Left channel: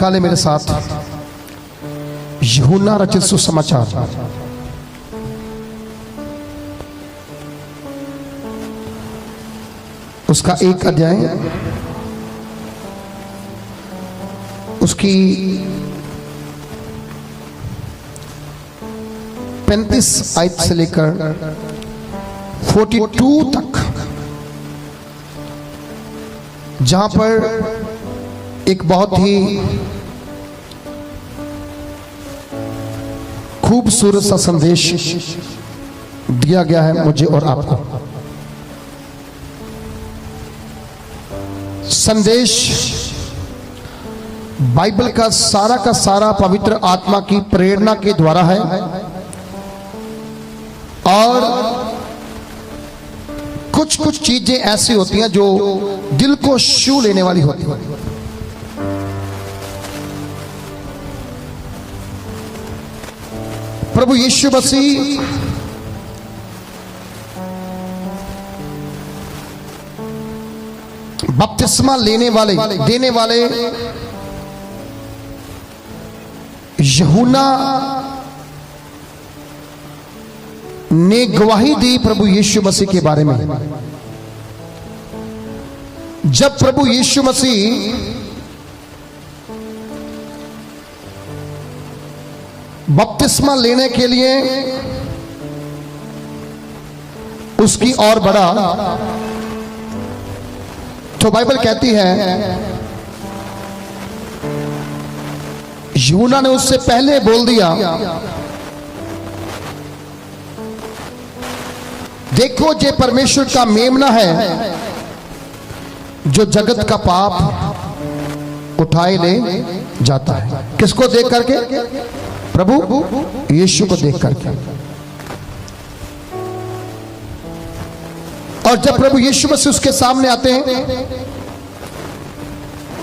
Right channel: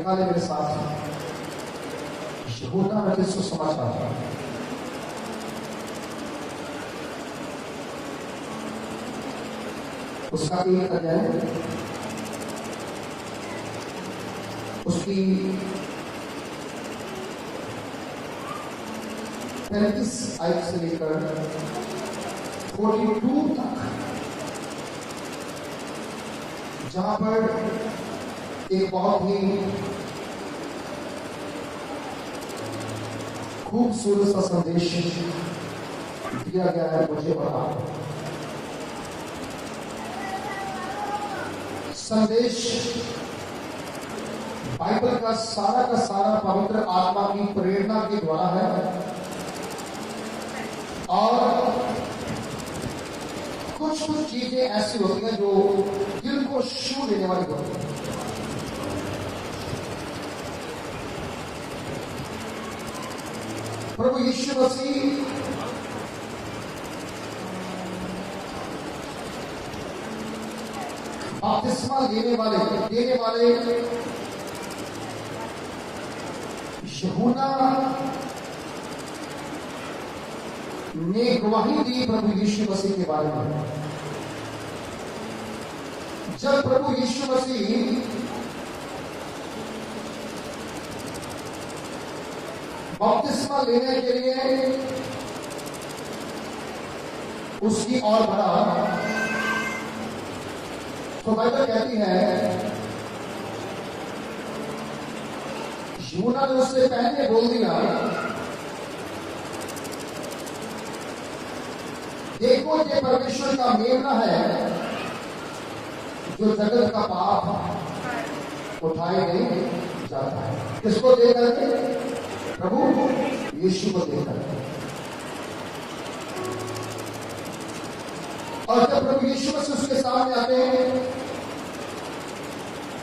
निकाले मेरे साथ यूहन्ना रचित सुसमाचार, उसका 1 अध्याय, उसकी 35 आयत से लेकर 42 तक, जहां पर एक बहुत ही खूबसूरत सा संदेश दिया गया है मुझे और आपको। संदेश बाइबल का सारा पवित्र आत्मा की प्रेरणा के द्वारा है और कुछ चीजें ऐसी होती हैं जो दिल को छू लेने वाली होती है। प्रभु यीशु मसीह बपतिस्मा देने वाले यूहन्ना ने गवाही दी प्रभु यीशु मसीह के बारे में। जब प्रभु यीशु मसीह बपतिस्मा लेने के लिए उसकी ओर बढ़ा तो बाइबल कहती है यूहन्ना ने उससे पहले बोल दिया, देखो ये परमेश्वर का मेमना है जो जगत का पाप उठाए ले जाता है। किसको देख करके? प्रभु यीशु को देख करके। और जब प्रभु यीशु मसीह उसके सामने आते हैं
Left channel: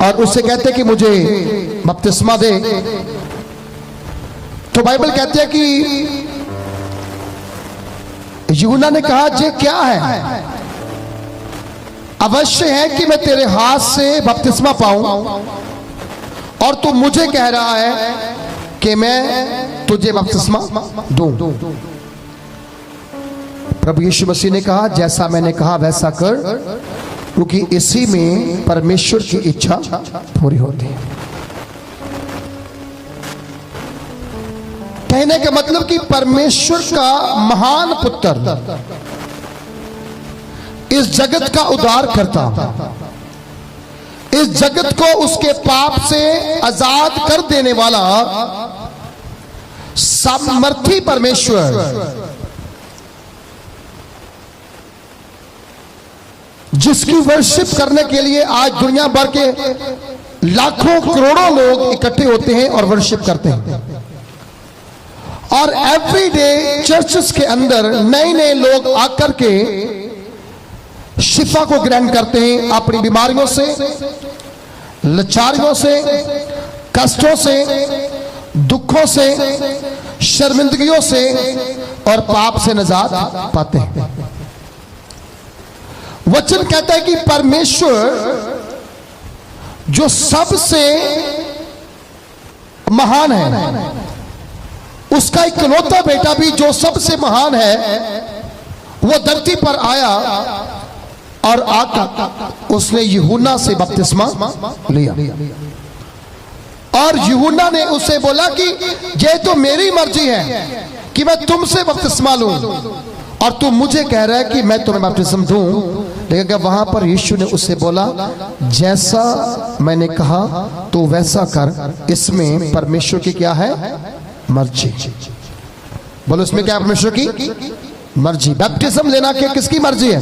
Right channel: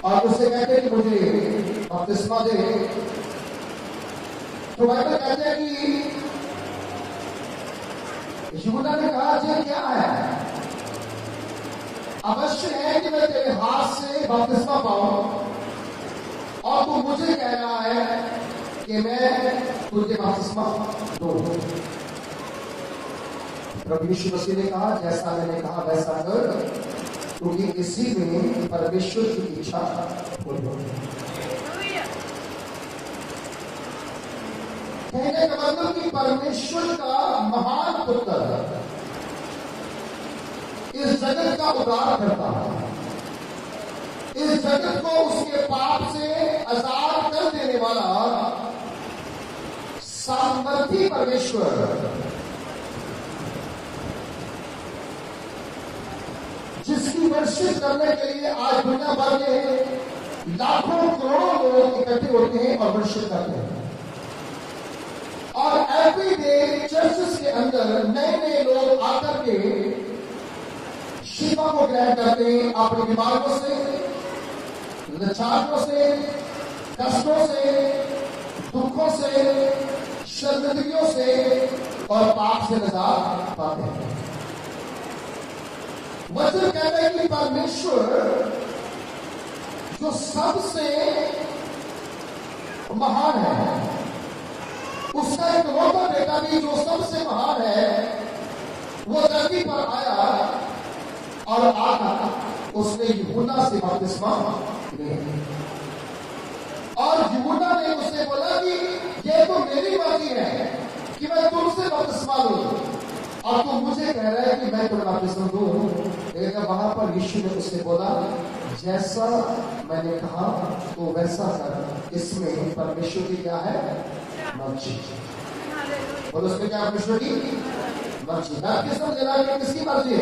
और उससे कहते हैं कि मुझे बपतिस्मा दे, तो बाइबल कहती है कि यूहन्ना ने कहा ये क्या है? अवश्य है कि मैं तेरे हाथ से बपतिस्मा पाऊं और तू मुझे कह रहा है कि मैं तुझे बपतिस्मा दूं। प्रभु यीशु मसीह ने कहा जैसा मैंने कहा वैसा कर, क्योंकि इसी में परमेश्वर की इच्छा पूरी होती है। कहने का मतलब कि परमेश्वर का महान पुत्र, इस जगत का उद्धार करता, इस जगत को उसके पाप से आजाद कर देने वाला सामर्थी परमेश्वर, जिसकी वर्शिप करने के लिए आज दुनिया भर के लाखों करोड़ों लोग इकट्ठे होते हैं और वर्शिप करते हैं। और एवरीडे चर्चेस के अंदर नए लोग आकर के शिफा को ग्रहण करते हैं अपनी बीमारियों से, लाचारियों से, कष्टों से, दुखों से, शर्मिंदगियों से और पाप से निजात पाते हैं। वचन कहता है कि परमेश्वर जो सबसे महान है, उसका इकलौता बेटा भी जो सबसे महान है, वो धरती पर आया और आकर उसने यूहन्ना से बपतिस्मा लिया। और यूहन्ना ने उसे बोला कि ये तो मेरी मर्जी है कि मैं तुमसे बपतिस्मा लूं और तू मुझे कह रहा है कि मैं तुम्हें बपतिस्मा दूं। लेकिन वहां पर यीशु ने उससे बोला जैसा मैंने कहा तो वैसा कर, इसमें परमेश्वर की क्या है? मर्जी। बोलो इसमें क्या? परमेश्वर की मर्जी। बैप्टिज्म लेना क्या किसकी मर्जी है?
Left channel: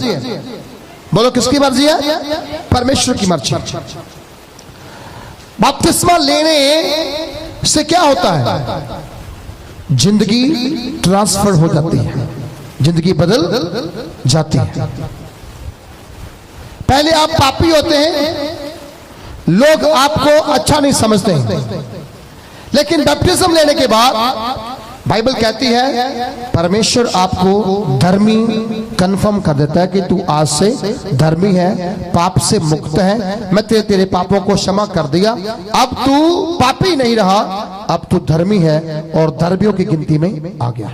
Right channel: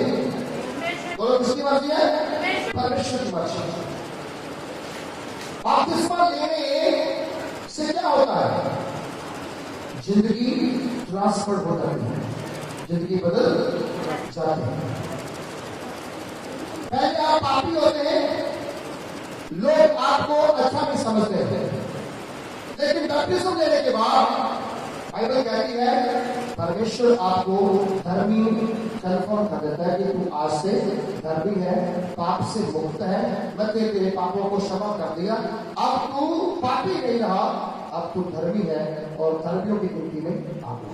बोलो किसकी मर्जी है? परमेश्वर की मर्जी। बपतिस्मा लेने से क्या होता है? जिंदगी ट्रांसफर हो जाती है, जिंदगी बदल जाती है। पहले आप पापी होते हैं, लोग आपको अच्छा नहीं समझते हैं, लेकिन बैप्टिज्म लेने के बाद बाइबल कहती है परमेश्वर आपको धर्मी कंफर्म कर देता है कि तू आज से धर्मी है, पाप से मुक्त है, मैं तेरे पापों को क्षमा कर दिया, अब तू पापी नहीं रहा, अब तू धर्मी है और धर्मियों की गिनती में आ गया।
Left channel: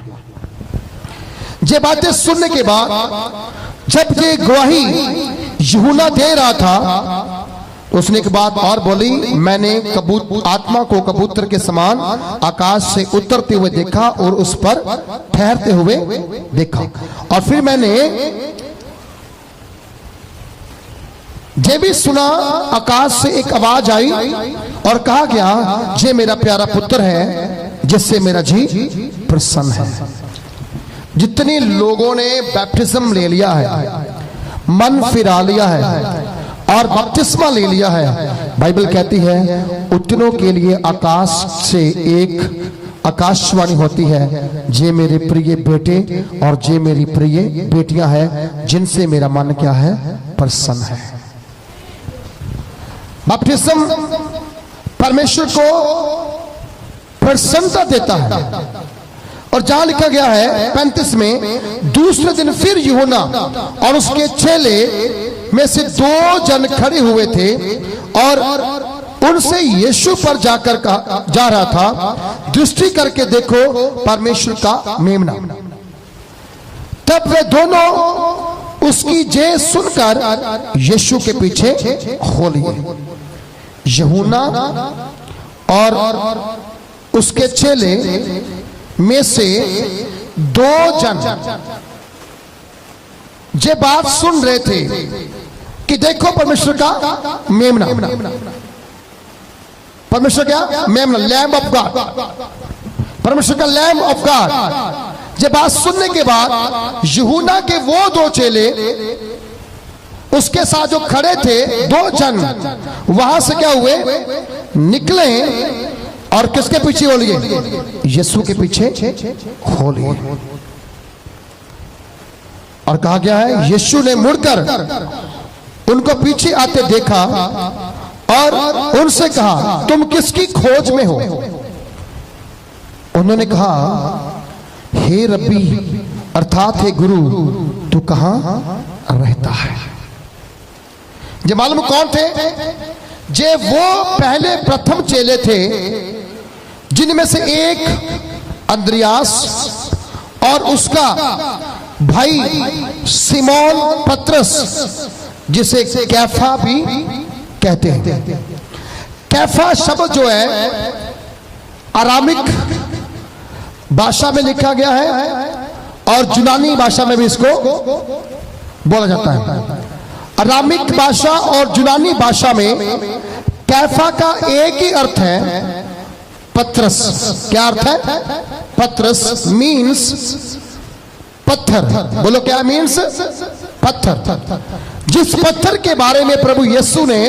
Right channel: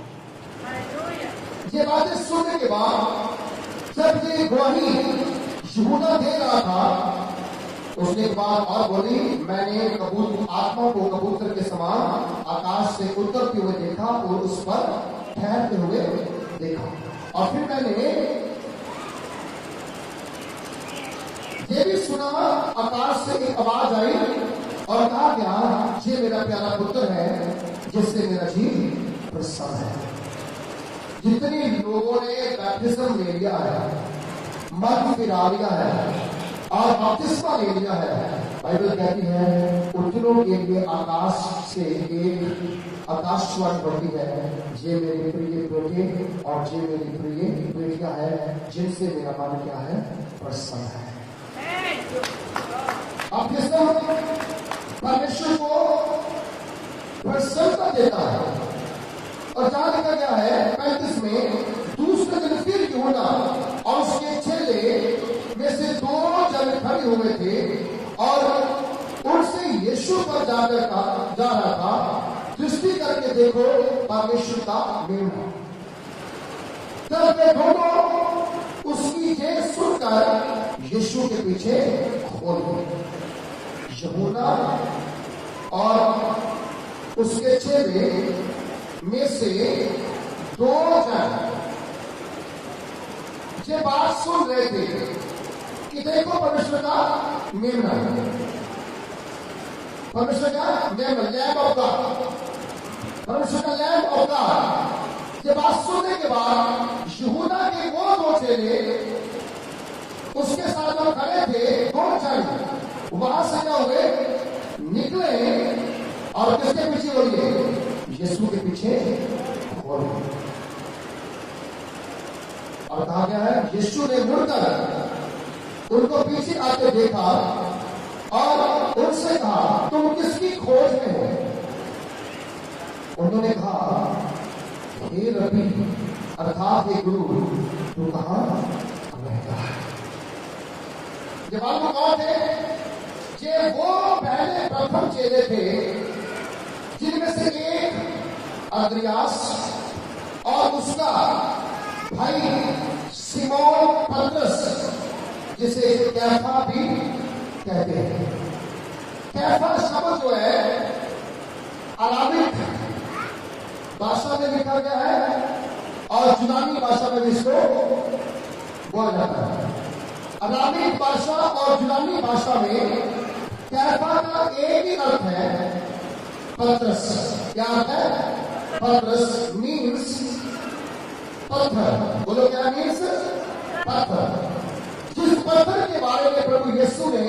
ये बातें सुनने के बाद जब ये गवाही यूहन्ना दे रहा था, उसने एक बात और बोली, मैंने आत्मा को कबूतर के समान आकाश से उतरते हुए देखा और उस पर ठहरते हुए देखा। और फिर मैंने ये भी सुना, आकाश से एक आवाज आई और कहा गया, ये मेरा प्यारा पुत्र है जिससे मेरा जी प्रसन्न है। जितने लोगों ने बैप्टिज्म ले लिया है, मन फिरा लिया है और बपतिस्मा ले लिया है, बाइबल कहती है उतनों के लिए आकाश से एक आकाशवाणी होती है, जे मेरे प्रिय बेटे और जे मेरी प्रिय बेटियां हैं, जिनसे मेरा मन क्या है, प्रसन्न है। बपतिस्म परमेश्वर को प्रसन्नता देता है। और जहां लिखा गया है 35 में, दूसरे दिन फिर यूहन्ना और उसके चेले में से 2 जन खड़े हुए थे और उनसे यीशु पर जाकर जा रहा था, दृष्टि करके देखो परमेश्वर का मेमना। तब वे दोनों उसकी जय सुनकर यीशु के पीछे हो लिए। यूहन्ना और उसके चेले में से 2 जन ये बात सुन रहे थे कि देखो परमेश्वर का मेमना। परमेश्वर क्या? मेमना, लैम्ब ऑफ गॉड, परमेश्वर का लैम्ब ऑफ गॉड। ये बात सुनने के बाद यूहन्ना के वो 2 चेले उसके साथ जो खड़े थे 2 जन, वहां से क्या हुए, निकले और किसके पीछे हो लिए? यीशु के पीछे हो लिए। और कहा गया है यीशु ने मुड़कर उनको पीछे आते देखा और उनसे कहा, तुम किसकी खोज में हो? उन्होंने कहा, हे रब्बी अर्थात हे गुरु, तू कहां रहता है? ये मालूम कौन थे? जे वो पहले प्रथम चेले थे जिनमें से एक अंद्रियास और उसका भाई सिमोन पतरस, जिसे कैफा भी कहते हैं। कैफा शब्द जो है अरामिक भाषा में लिखा गया है और यूनानी भाषा में भी इसको बोला जाता है। अरामिक भाषा और यूनानी भाषा में कैफा का एक ही अर्थ है, पतरस। क्या अर्थ है? पतरस मीन्स पत्थर। बोलो क्या मीन्स? पत्थर। जिस पत्थर के बारे में प्रभु यीशु ने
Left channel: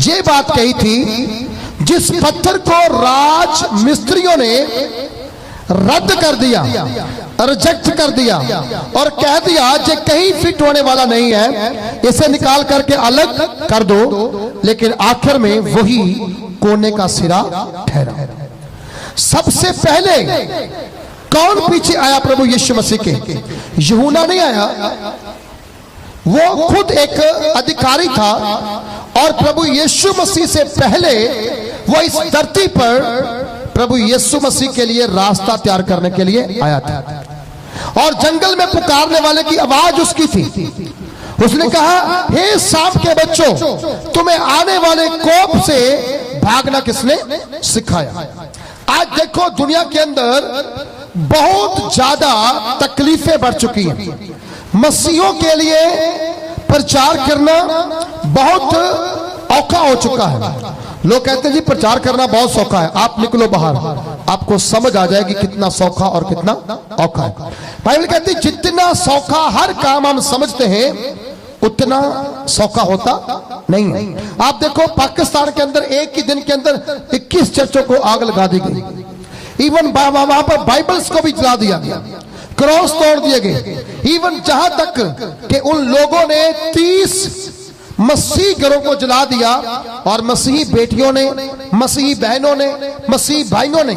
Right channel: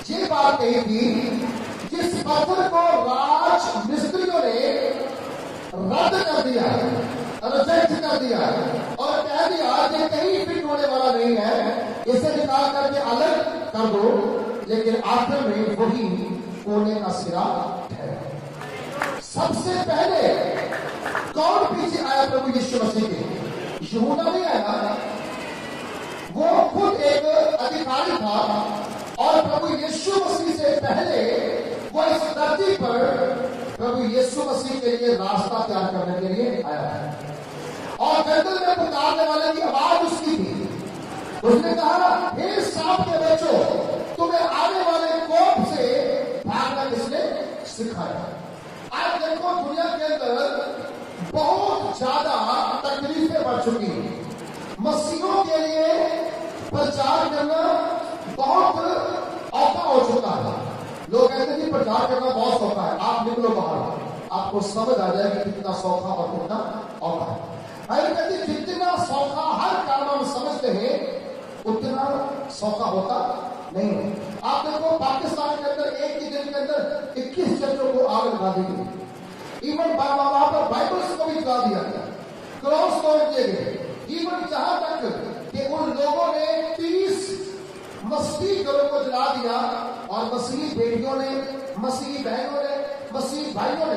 ये बात कही थी, जिस पत्थर को राज मिस्त्रियों ने रद्द कर दिया, रिजेक्ट कर दिया और कह दिया ये कहीं फिट होने वाला नहीं है, इसे निकाल करके अलग कर दो, लेकिन आखिर में वही कोने का सिरा ठहरा। सबसे पहले कौन पीछे आया प्रभु यीशु मसीह के? यूहन्ना नहीं आया, वो खुद एक अधिकारी था और प्रभु यीशु मसीह से पहले वो इस धरती पर प्रभु यीशु मसीह के लिए रास्ता तैयार करने के लिए आया था। और जंगल में पुकारने वाले की आवाज उसकी थी। उसने कहा, हे सांप के बच्चों, तुम्हें आने वाले कोप से भागना किसने सिखाया? आज देखो दुनिया के अंदर बहुत ज्यादा तकलीफें बढ़ चुकी हैं। मसीहों के लिए प्रचार करना बहुत औखा हो चुका है। लोग कहते हैं जी प्रचार करना बहुत सौखा है, आप निकलो बाहर, आपको समझ आ जाएगी कितना सौखा और कितना औखा है। बाइबल कहती है जितना सौखा हर काम हम समझते हैं उतना सौखा होता नहीं है। आप देखो पाकिस्तान के अंदर एक ही दिन के अंदर 21 चर्चों को आग लगा दी गई। इवन वहां पर बाइबल्स को भी जला दिया गया, क्रॉस तोड़ दिए गए। इवन जहां तक कि उन लोगों ने 30 मसीही घरों को जला दिया और मसीही बेटियों ने, मसीही बहनों ने, मसीही भाइयों ने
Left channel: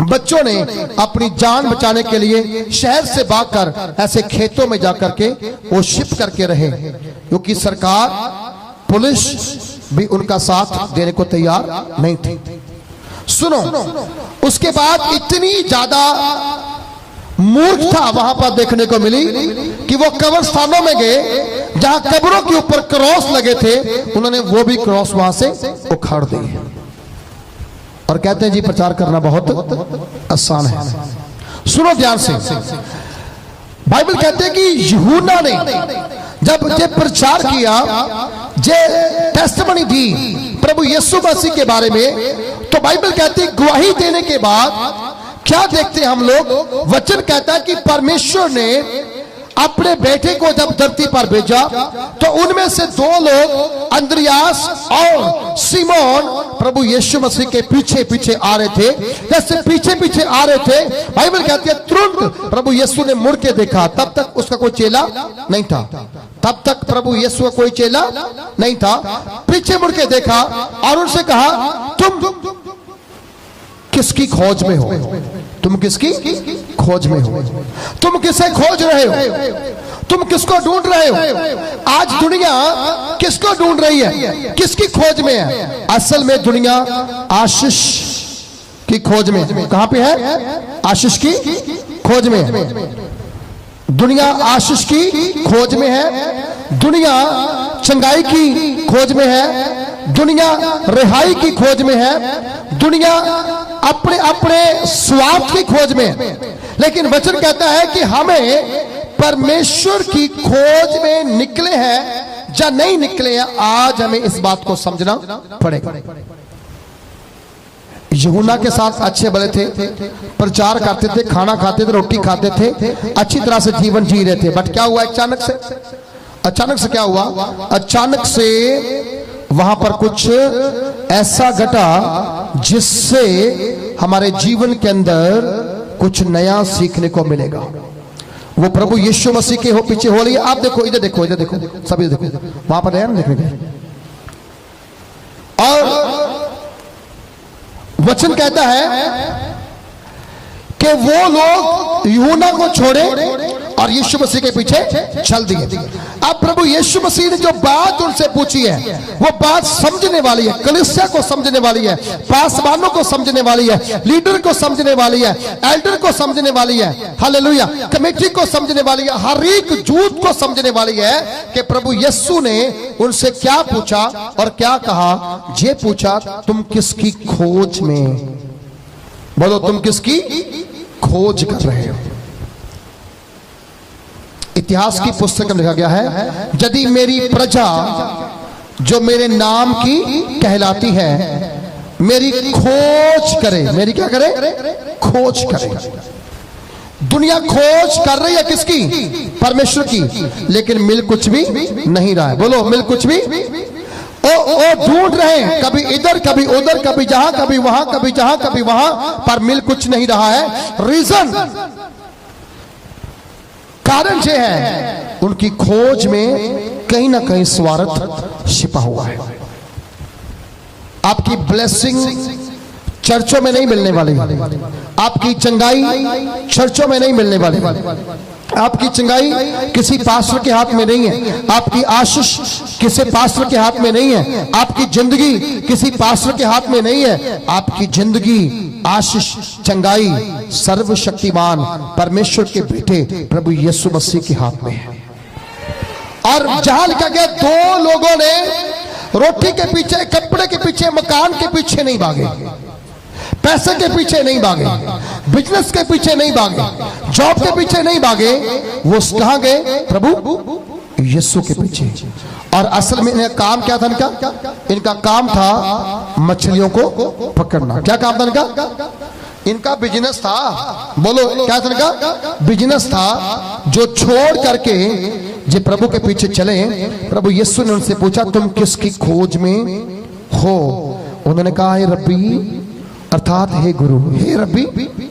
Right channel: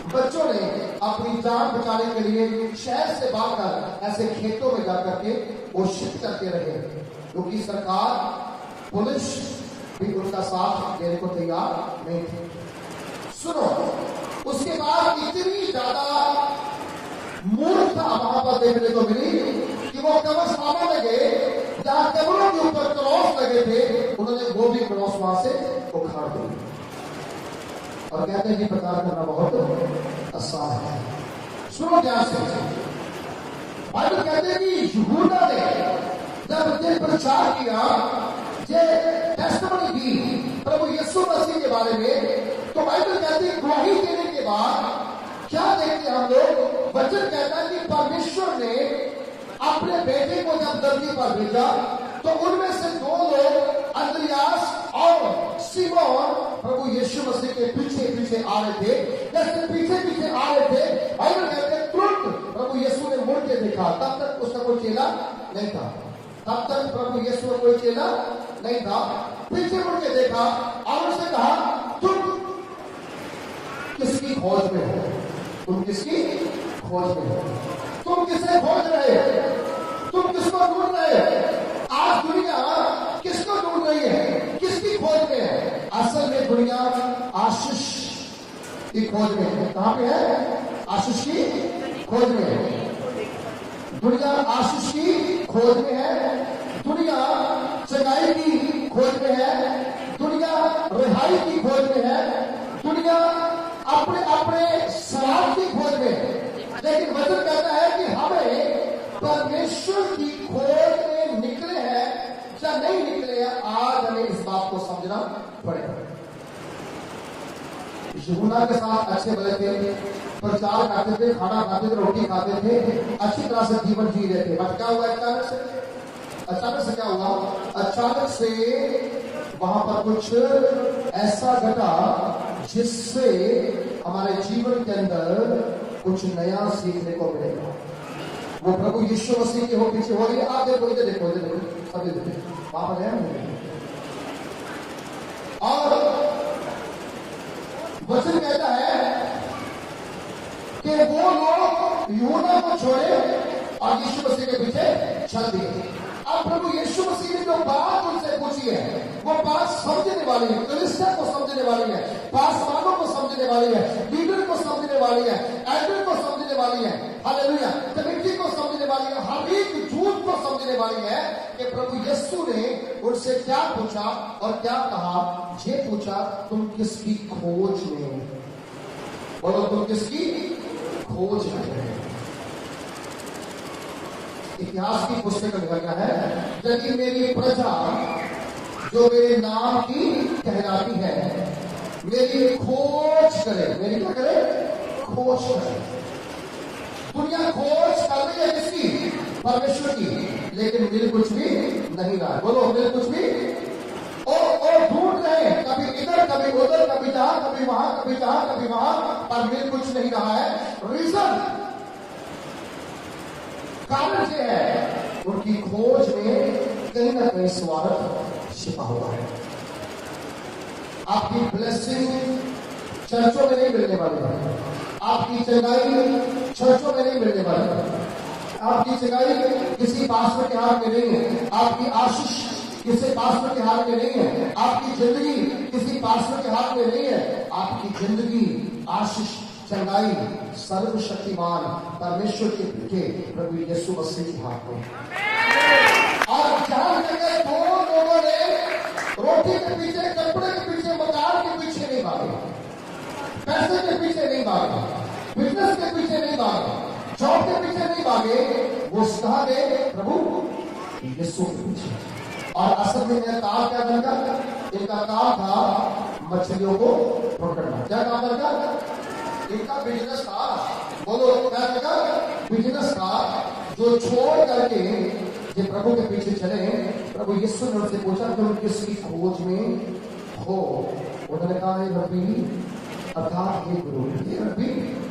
बच्चों ने अपनी जान बचाने के लिए शहर से भागकर ऐसे खेतों में जाकर के वो छिप करके रहे, क्योंकि सरकार पुलिस भी उनका साथ देने को तैयार नहीं थी। सुनो, उसके बाद इतनी ज्यादा मूर्खता वहां पर देखने को मिली कि वो कब्रिस्तानों में गए जहां कब्रों के ऊपर क्रॉस लगे थे, उन्होंने वो भी क्रॉस वहां से उखाड़ दिए और कहते हैं जी प्रचार करना बहुत आसान है। सुनो ध्यान से, बाइबल कहते हैं कि यूहन्ना ने जब ये प्रचार किया, जे टेस्टिमनी दी प्रभु यीशु मसीह के बारे में, तो बाइबल कहती है गवाही देने के बाद क्या देखते हैं हम लोग? वचन कहता है कि परमेश्वर ने अपने बेटे को जब धरती पर भेजा तो उनमें से दो लोग अंद्रियास और सिमोन प्रभु यीशु मसीह के पीछे पीछे आ रहे थे। जैसे पीछे पीछे आ रहे थे, बाइबल कहती है तुरंत प्रभु यीशु ने मुड़ के देखा। तब तक उसका कोई चेला नहीं था, तब तक प्रभु यीशु का कोई चेला नहीं था। पीछे मुड़ के देखा और उनसे कहा, तुम किसकी खोज में हो? तुम किसकी खोज में हो? तुम किसे खोज रहे हो? तुम किसको ढूंढ रहे हो? आज दुनिया किसको ढूंढ रही है? किसकी खोज में है? असल में दुनिया आशीष की खोज में। कहां पे है? आशीष की खोज में है। दुनिया आशीष की खोज में है, दुनिया चंगाई की खोज में है, दुनिया रिहाई की खोज में है, दुनिया अपने अपने स्वार्थ की खोज में। लेकिन वचन कहता है कि हमें परमेश्वर की खोज में निकले हैं या नहीं निकले हैं, आज हमें इस बात को समझना पड़ेगा। यूहन्ना के साथ अच्छे भले थे, प्रचार करते थे, खाना खाते थे, रोटी खाते थे, अच्छी तरह से जीवन जी रहे थे। बट क्या हुआ? अचानक से क्या हुआ? अचानक से वहां पर कुछ ऐसा घटा जिससे हमारे जीवन के अंदर कुछ नया सीखने को मिलेगा। वो प्रभु यीशु मसीह के हो पीछे हो रही है। आप देखो, इधर देखो, इधर देखो, सभी देखो, वहां पर है ना देखने के। और वचन कहता है कि वो लोग यूहन्ना को छोड़े और यीशु मसीह के पीछे चल दिए। अब प्रभु यीशु मसीह ने जो बात उनसे पूछी है वो बात समझने वाली है, कलीसिया को समझने वाली है, पासवानों को समझने वाली है, लीडर को समझने वाली है, एल्डर को समझने वाली है, हालेलुया, कमेटी को समझने वाली है, हर एक जूथ को समझने वाली है कि प्रभु यीशु ने उनसे क्या पूछा और क्या कहा। ये पूछा, तुम किसकी खोज में? बोलो, तुम किसकी खोज कर रहे हो? इतिहास की पुस्तक में लिखा गया है, यदि मेरी प्रजा जो मेरे नाम की कहलाती है मेरी खोज करे, मेरी क्या करे? खोज करे। दुनिया खोज कर रही है किसकी? परमेश्वर की, लेकिन मिल कुछ भी नहीं रहा है। बोलो, मिल कुछ भी। ओ ढूंढ रहे हैं, कभी इधर कभी उधर, कभी जहां कभी वहां, कभी जहां कभी वहां, पर मिल कुछ नहीं रहा है। रीजन, कारण यह है उनकी खोज में कहीं ना कहीं स्वार्थ छिपा हुआ है। आपकी ब्लेसिंग चर्चों में नहीं मिलने वाली, आपकी चंगाई चर्चों में नहीं मिलने वाली, आपकी चंगाई किसी पास्टर के हाथ में नहीं है, आपकी आशीष किसी पास्टर के हाथ में नहीं है, आपकी जिंदगी किसी पास्टर के हाथ में नहीं है। आपकी जिंदगी, आशीष, चंगाई सर्वशक्तिमान परमेश्वर के बेटे प्रभु यीशु मसीह के हाथ में है। और जहां लिखा गया, दो लोगों ने रोटी के पीछे, कपड़े के पीछे, मकान के पीछे नहीं भागे, पैसे के पीछे नहीं भागे, बिजनेस के पीछे नहीं भागे, जॉब के पीछे नहीं भागे, वो कहां गए? प्रभु यीशु के पीछे। और असल में इनका काम क्या था? इनका काम था मछलियों को पकड़ना। क्या काम था इनका? इनका बिजनेस था। बोलो, क्या था इनका? बिजनेस था, जो छोड़ करके जे प्रभु के पीछे चले। प्रभु यीशु ने उनसे पूछा, तुम किसकी खोज में हो? उन्होंने कहा, हे रब्बी, अर्थात हे गुरु, हे रब्बी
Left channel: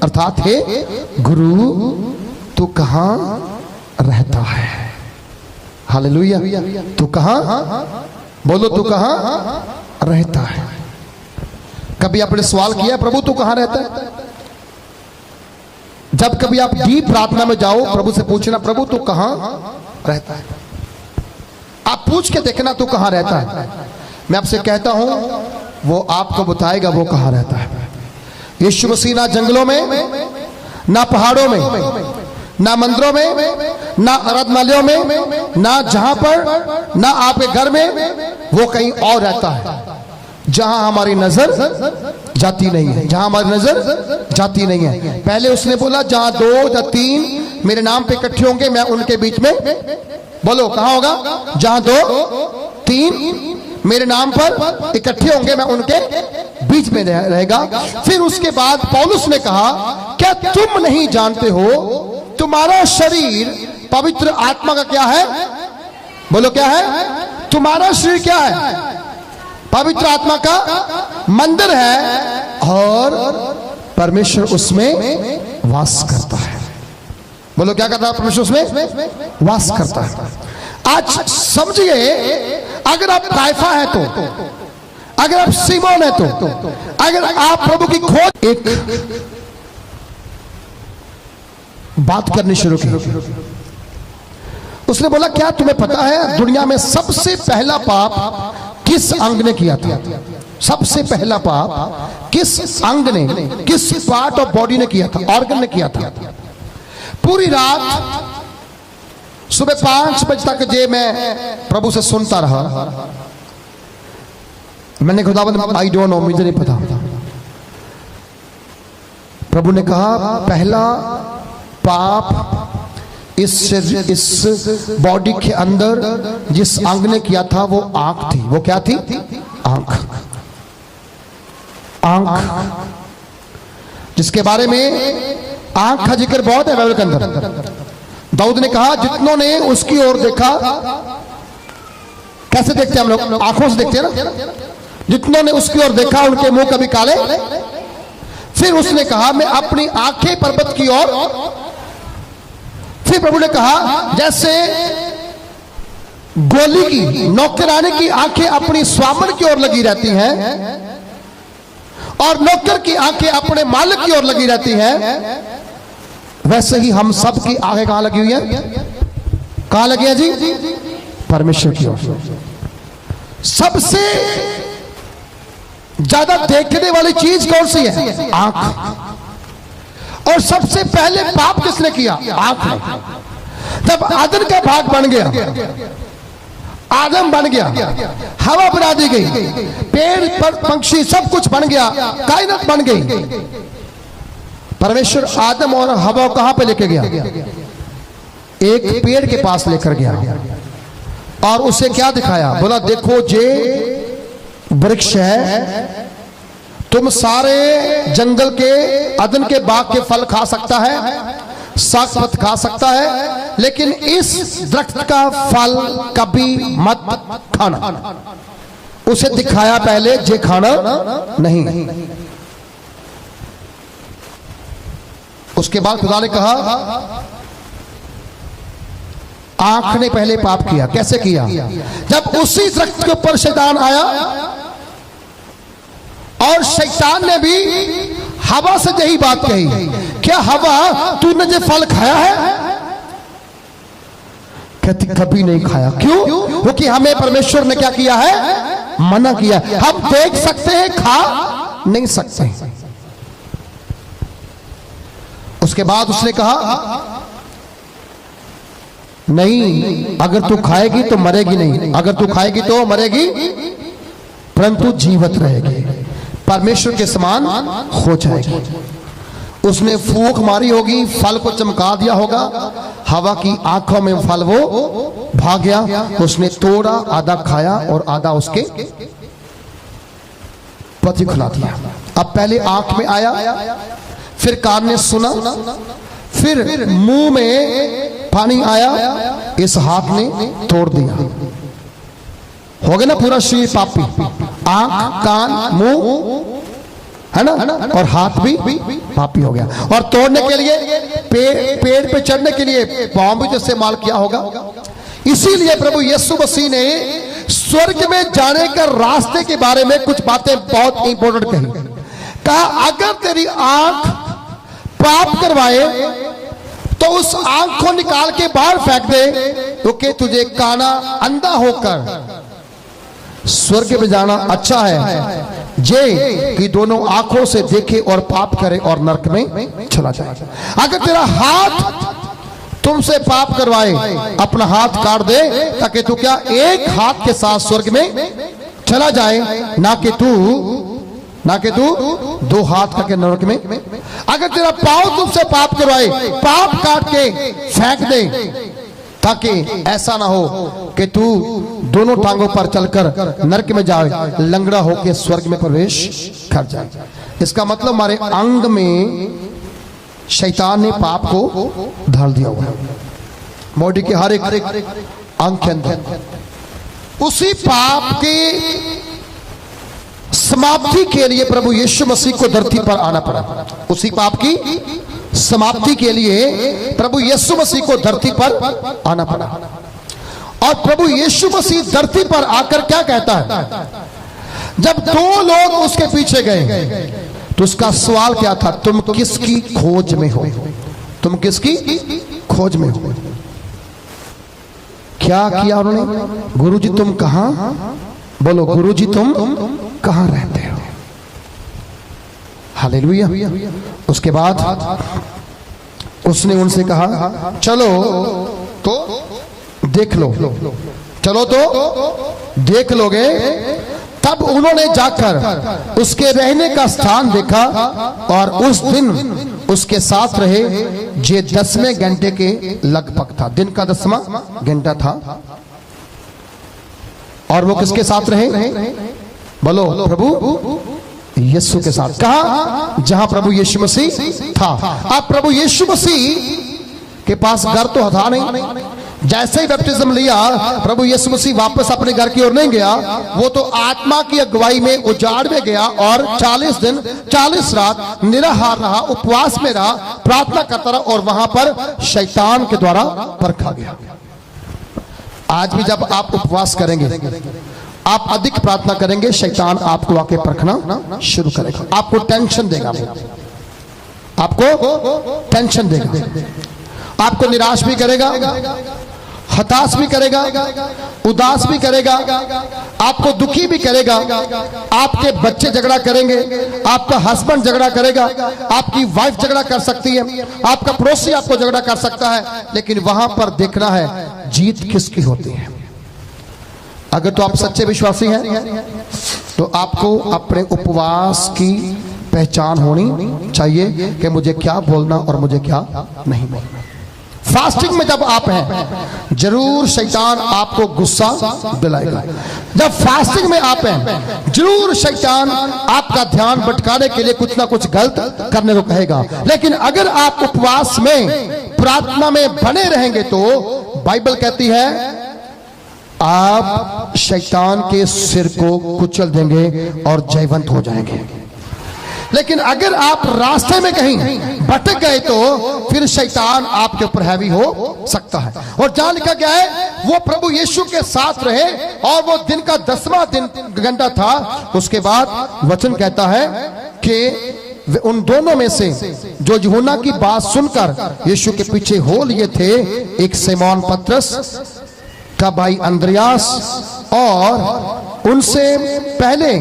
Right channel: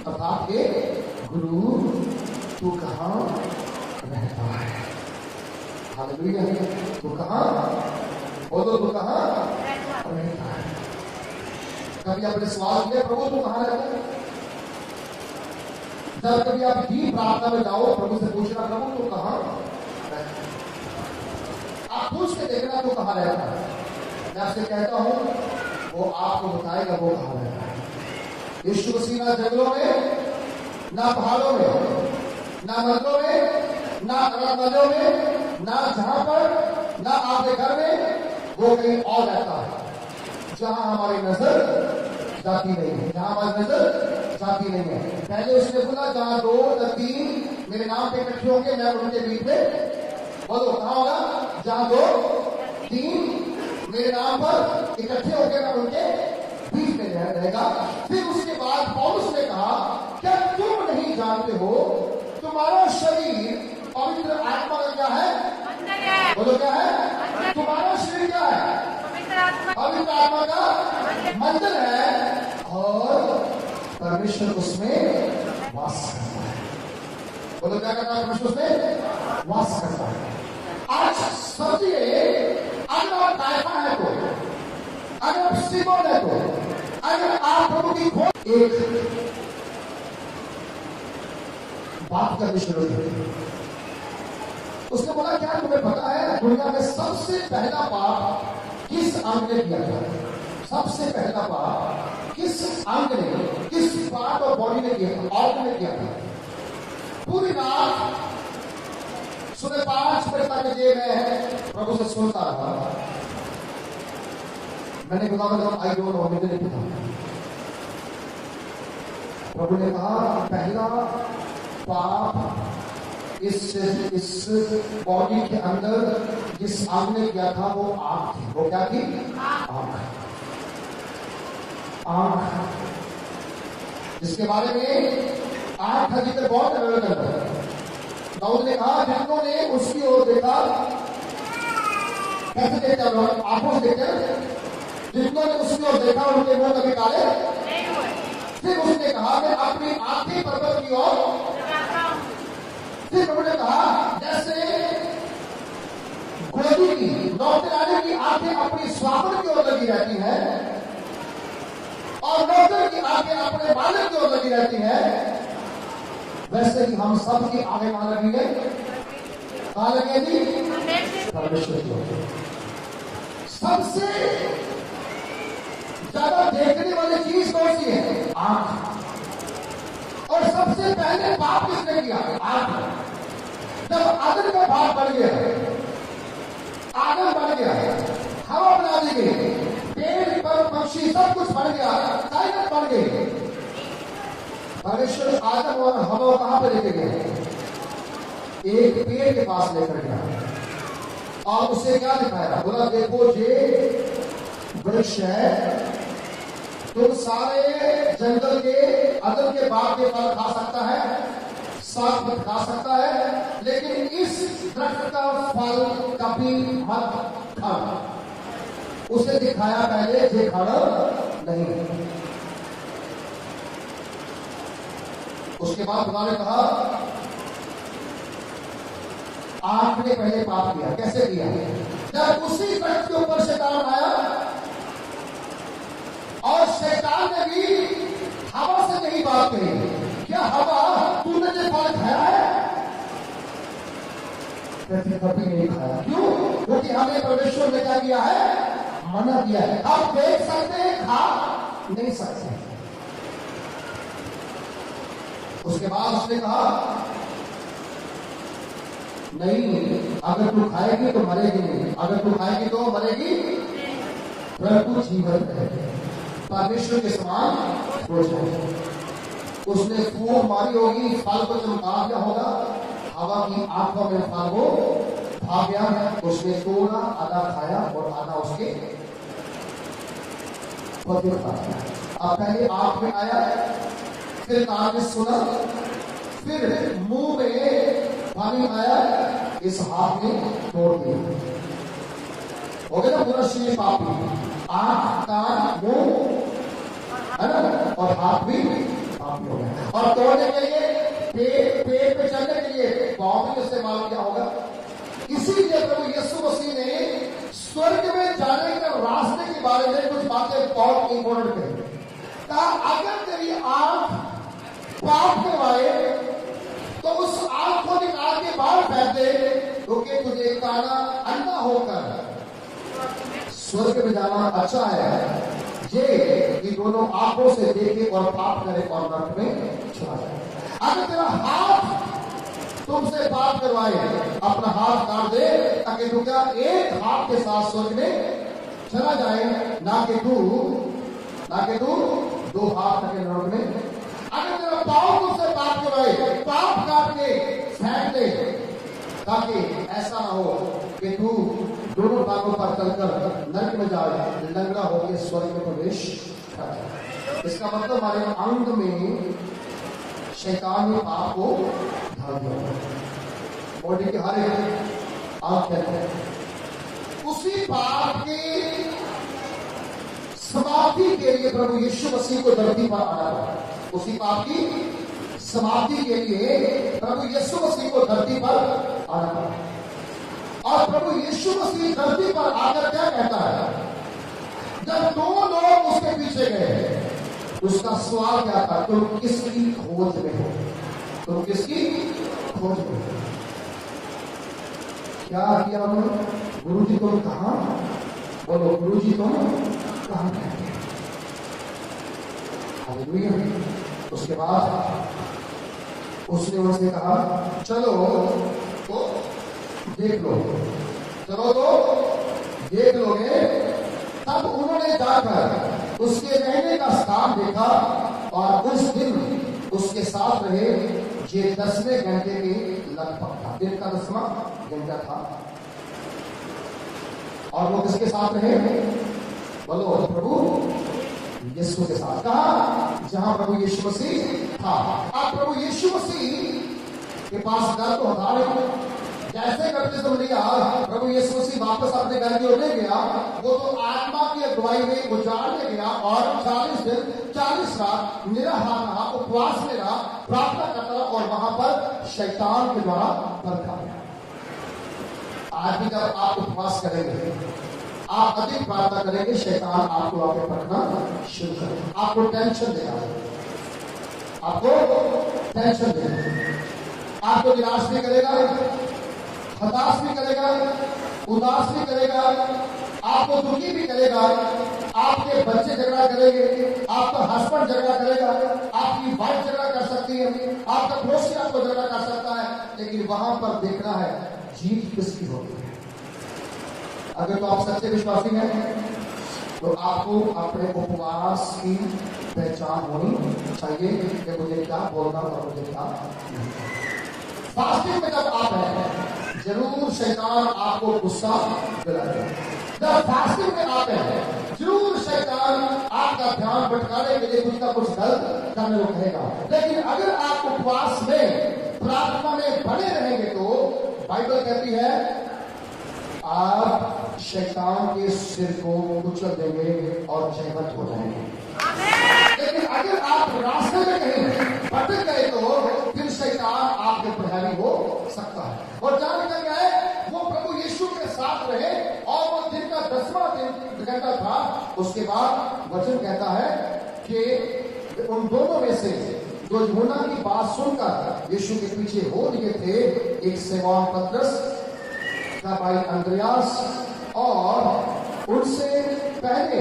अर्थात हे गुरु, तू कहां रहता है? हालेलुया, तू कहां? बोलो, तू कहां रहता है? कभी आपने सवाल किया, प्रभु तू कहां रहता है? जब कभी आप डीप प्रार्थना में जाओ, प्रभु से पूछना, प्रभु तू कहां रहता है। आप पूछ के देखना तू कहां रहता है। मैं आपसे कहता हूं वो आपको बताएगा वो कहां रहता है। यीशु मसीह ना जंगलों में, ना पहाड़ों में, ना मंदिरों में, ना आराधनालयों में, ना जहां पर, ना आपके घर में, वो कहीं और रहता है जहां हमारी नजर जाती नहीं है, जहां हमारी नजर जाती नहीं है। पहले उसने बोला जहां 2 या 3 मेरे नाम पे इकट्ठे होंगे मैं उनके बीच में, बोलो कहां होगा, जहां 2-3 मेरे नाम पर इकट्ठे होंगे मैं उनके बीच में रहेगा। फिर उसके बाद पौलुस ने कहा, क्या तुम नहीं जानते हो तुम्हारा शरीर पवित्र आत्मा का क्या है? बोलो क्या है? तुम्हारा शरीर क्या है? पवित्र आत्मा का मंदिर है और परमेश्वर उसमें वास करता है। बोलो क्या करता है? परमेश्वर उसमें वास करता है। आज समझिए, अगर आप कायफा है तो, अगर आप सीमोन है तो, अगर आप प्रभु की खोज, एक बात करनी शुरू की। उसने बोला क्या तुम्हें पता है दुनिया में सबसे पहला पाप किस अंग ने किया था? सबसे पहला पाप किस अंग ने, किस पार्ट ऑफ बॉडी ने किया था, ऑर्गन ने किया था? पूरी रात सुबह 5 बजे तक जे मैं प्रभु से सुनता रहा। मैंने खुदावंद आई डोंट नो, मुझे नहीं पता। प्रभु ने कहा पहला पाप इस बॉडी के अंदर जिस अंग ने किया था वो आंख थी। वो क्या थी? आंख। आंख जिसके बारे में आंख का जिक्र बहुत है बाइबल के अंदर। दाऊद ने कहा जितनों ने उसकी ओर देखा, कैसे देखते हैं हम लोग? आंखों से देखते हैं ना। जितनों ने उसकी ओर देखा उनके मुंह कभी काले। फिर उसने कहा मैं अपनी आंखें पर्वत की ओर। फिर प्रभु ने कहा जैसे गोली की, नौकरानी की आंखें अपनी स्वामन की ओर लगी रहती हैं और नौकर की आंखें अपने मालिक की ओर लगी रहती हैं, वैसे ही हम सब की आंखें कहां लगी हुई है? कहां लगी है जी? परमेश्वर की ओर। सबसे ज्यादा देखने वाली चीज कौन सी है? आंख। और सबसे पहले पाप किसने किया? आंख ने। जब आदम का भाग बन गया, आदम बन गया, हवा बना दी गई, पेड़ पर पंक्षी सब कुछ बन गया, कायनात बन गई। परमेश्वर आदम और हवा कहां पे लेके गया? एक पेड़ के पास लेकर गया और उसे क्या दिखाया? बोला देखो जे वृक्ष है, तुम सारे जंगल के, अदन के बाग के फल खा सकता है, साग पत खा सकता है, लेकिन इस दरख्त का फल कभी मत खाना। उसे दिखाया पहले जे खाना नहीं। उसके बाद खुदा ने कहा आंख ने पहले पाप किया। कैसे किया? जब उसी दरख्त के ऊपर शैतान आया और शैतान ने भी हवा से यही बात कही, क्या हवा तूने जो फल खाया है? कहती कभी नहीं खाया। क्यों? क्योंकि हमें परमेश्वर ने क्या किया है? मना किया। हम देख सकते हैं, खा नहीं सकते। उसके बाद उसने कहा नहीं, अगर तू खाएगी तो मरेगी नहीं, अगर तू खाएगी तो मरेगी परंतु जीवित रहेगी, परमेश्वर के समान हो जाएगी। उसने फूंक मारी होगी, फल को चमका दिया होगा, हवा की आंखों में फल वो भाग गया। उसने तोड़ा, आधा खाया और आधा उसके पति खिला दिया। अब पहले आंख में आया, फिर कान ने सुना, फिर मुंह में पानी आया, इस हाथ ने तोड़ दिया। हो गया ना पूरा शरीर पापी। आंख, कान, मुंह, है ना, और हाथ भी पापी हो गया। और तोड़ने के लिए पेड़ पे चढ़ने के लिए पांव भी जैसे माल किया होगा। इसीलिए प्रभु यीशु मसीह ने स्वर्ग में जाने का रास्ते के बारे में कुछ बातें बहुत इंपॉर्टेंट कही। कहा अगर तेरी आंख पाप करवाए तो उस आंख को निकाल के बाहर फेंक दे, क्योंकि तुझे काना अंधा होकर स्वर्ग में जाना अच्छा है जे कि दोनों आंखों से देखे और पाप करे और नरक में चला जाए। अगर तेरा हाथ तुमसे पाप करवाए, अपना हाथ काट दे ताकि तू क्या एक हाथ के साथ स्वर्ग में चला जाए, ना कि तू दो हाथ करके नरक में। अगर तेरा पांव तुमसे पाप करवाए, पाप काट के फेंक दे ताकि ऐसा ना हो कि तू दोनों टांगों पर चलकर नरक में जाए, लंगड़ा होकर स्वर्ग में प्रवेश कर जाए। इसका मतलब हमारे अंग में शैतान ने पाप को ढाल दिया हुआ है, बॉडी के हर एक अंग के अंदर। उसी पाप की समाप्ति के लिए प्रभु यीशु मसीह को धरती पर आना पड़ा। उसी पाप की समाप्ति के लिए प्रभु यीशु मसीह को धरती पर आना पड़ा। और प्रभु यीशु मसीह धरती पर आकर क्या कहता है? जब दो लोग उसके पीछे गए तो उसका सवाल क्या था? तुम किसकी खोज में हो? तुम किसकी खोज में हो? क्या किया उन्होंने? गुरुजी तुम कहां, बोलो गुरुजी तुम कहां रहते हो? हालेलुया। उसके बाद उसने उनसे कहा चलो तो देख लो, चलो तो देख लोगे। तब उन्होंने जाकर उसके रहने का स्थान देखा और उस दिन उसके साथ रहे, जे 10वें घंटे के लगभग था। दिन का 10वां घंटा था। और वो किसके साथ रहे? बोलो प्रभु यीशु के साथ। कहा? जहां प्रभु यीशु मसीह था। अब प्रभु यीशु मसीह के पास घर तो था नहीं। जैसे ही बैप्टिज्म लिया प्रभु यीशु मसीह वापस अपने घर की ओर नहीं गया, वो तो आत्मा की अगुवाई में उजाड़ में गया और 40 दिन 40 रात निराहार रहा, उपवास में रहा, प्रार्थना करता रहा और वहां पर शैतान के द्वारा परखा गया। आज भी जब आप उपवास करेंगे, आप अधिक प्रार्थना करेंगे, शैतान आपको आके परखना शुरू करेगा। आपको टेंशन देगा, आपको टेंशन देगा, आपको निराश भी करेगा, हताश भी करेगा, उदास भी करेगा, आपको दुखी भी करेगा। आपके बच्चे झगड़ा करेंगे, आपका हस्बैंड झगड़ा करेगा, आपकी वाइफ झगड़ा कर सकती है, आपका पड़ोसी आपको झगड़ा कर सकता है। लेकिन वहां पर देखना है जीत किसकी होती है। अगर तो आप सच्चे विश्वासी हैं तो आपको अपने उपवास की पहचान होनी चाहिए कि मुझे क्या बोलना और मुझे क्या नहीं बोलना। फास्टिंग में जब आप हैं जरूर शैतान आपको गुस्सा दिलाएगा। जब फास्टिंग में आप हैं जरूर शैतान आपका ध्यान भटकाने के लिए कुछ ना कुछ गलत करने को कहेगा। लेकिन अगर आप उपवास में प्रार्थना में बने रहेंगे तो बाइबल कहती है आप शैतान के सिर को कुचल देंगे और जयवंत हो जाएंगे। लेकिन अगर आप रास्ते में कहीं भटक गए तो फिर शैतान आपके ऊपर हैवी हो सकता है। और जहां लिखा गया है वो प्रभु यीशु के साथ रहे और वो दिन का 10वां घंटा था। उसके बाद वचन कहता है कि उन दोनों में से जो यूहन्ना की बात सुनकर यीशु के पीछे हो लिए थे, एक सिमोन पतरस का भाई अंद्रयास और उनसे पहले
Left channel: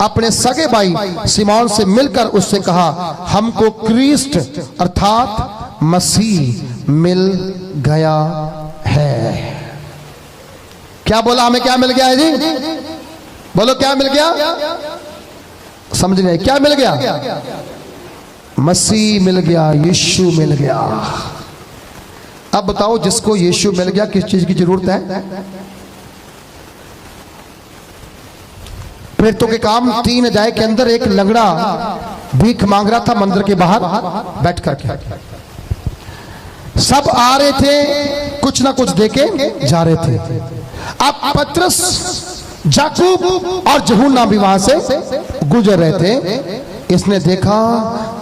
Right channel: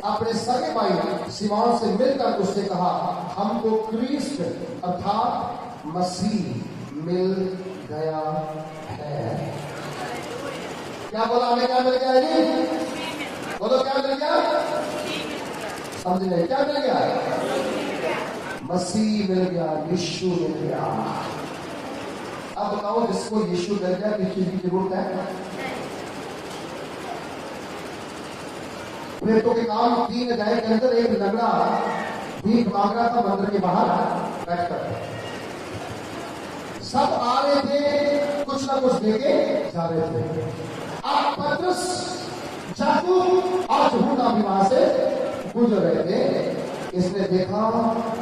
अपने सगे भाई सिमोन से मिलकर उससे कहा हमको क्रिस्ट अर्थात मसीह मिल गया है। क्या बोला? हमें क्या मिल गया है जी? बोलो क्या मिल गया? समझ रहे क्या मिल गया? मसीह मिल गया, यीशु मिल गया। अब बताओ जिसको यीशु मिल गया किस चीज की जरूरत है? प्रेरितों के काम 3 अध्याय के अंदर एक लंगड़ा भीख मांग रहा था मंदिर के बाहर बैठ करके। सब आ रहे थे, कुछ ना कुछ देके जा रहे थे। अब पतरस, याकूब और यूहन्ना भी वहां से गुजर रहे थे। इसने देखा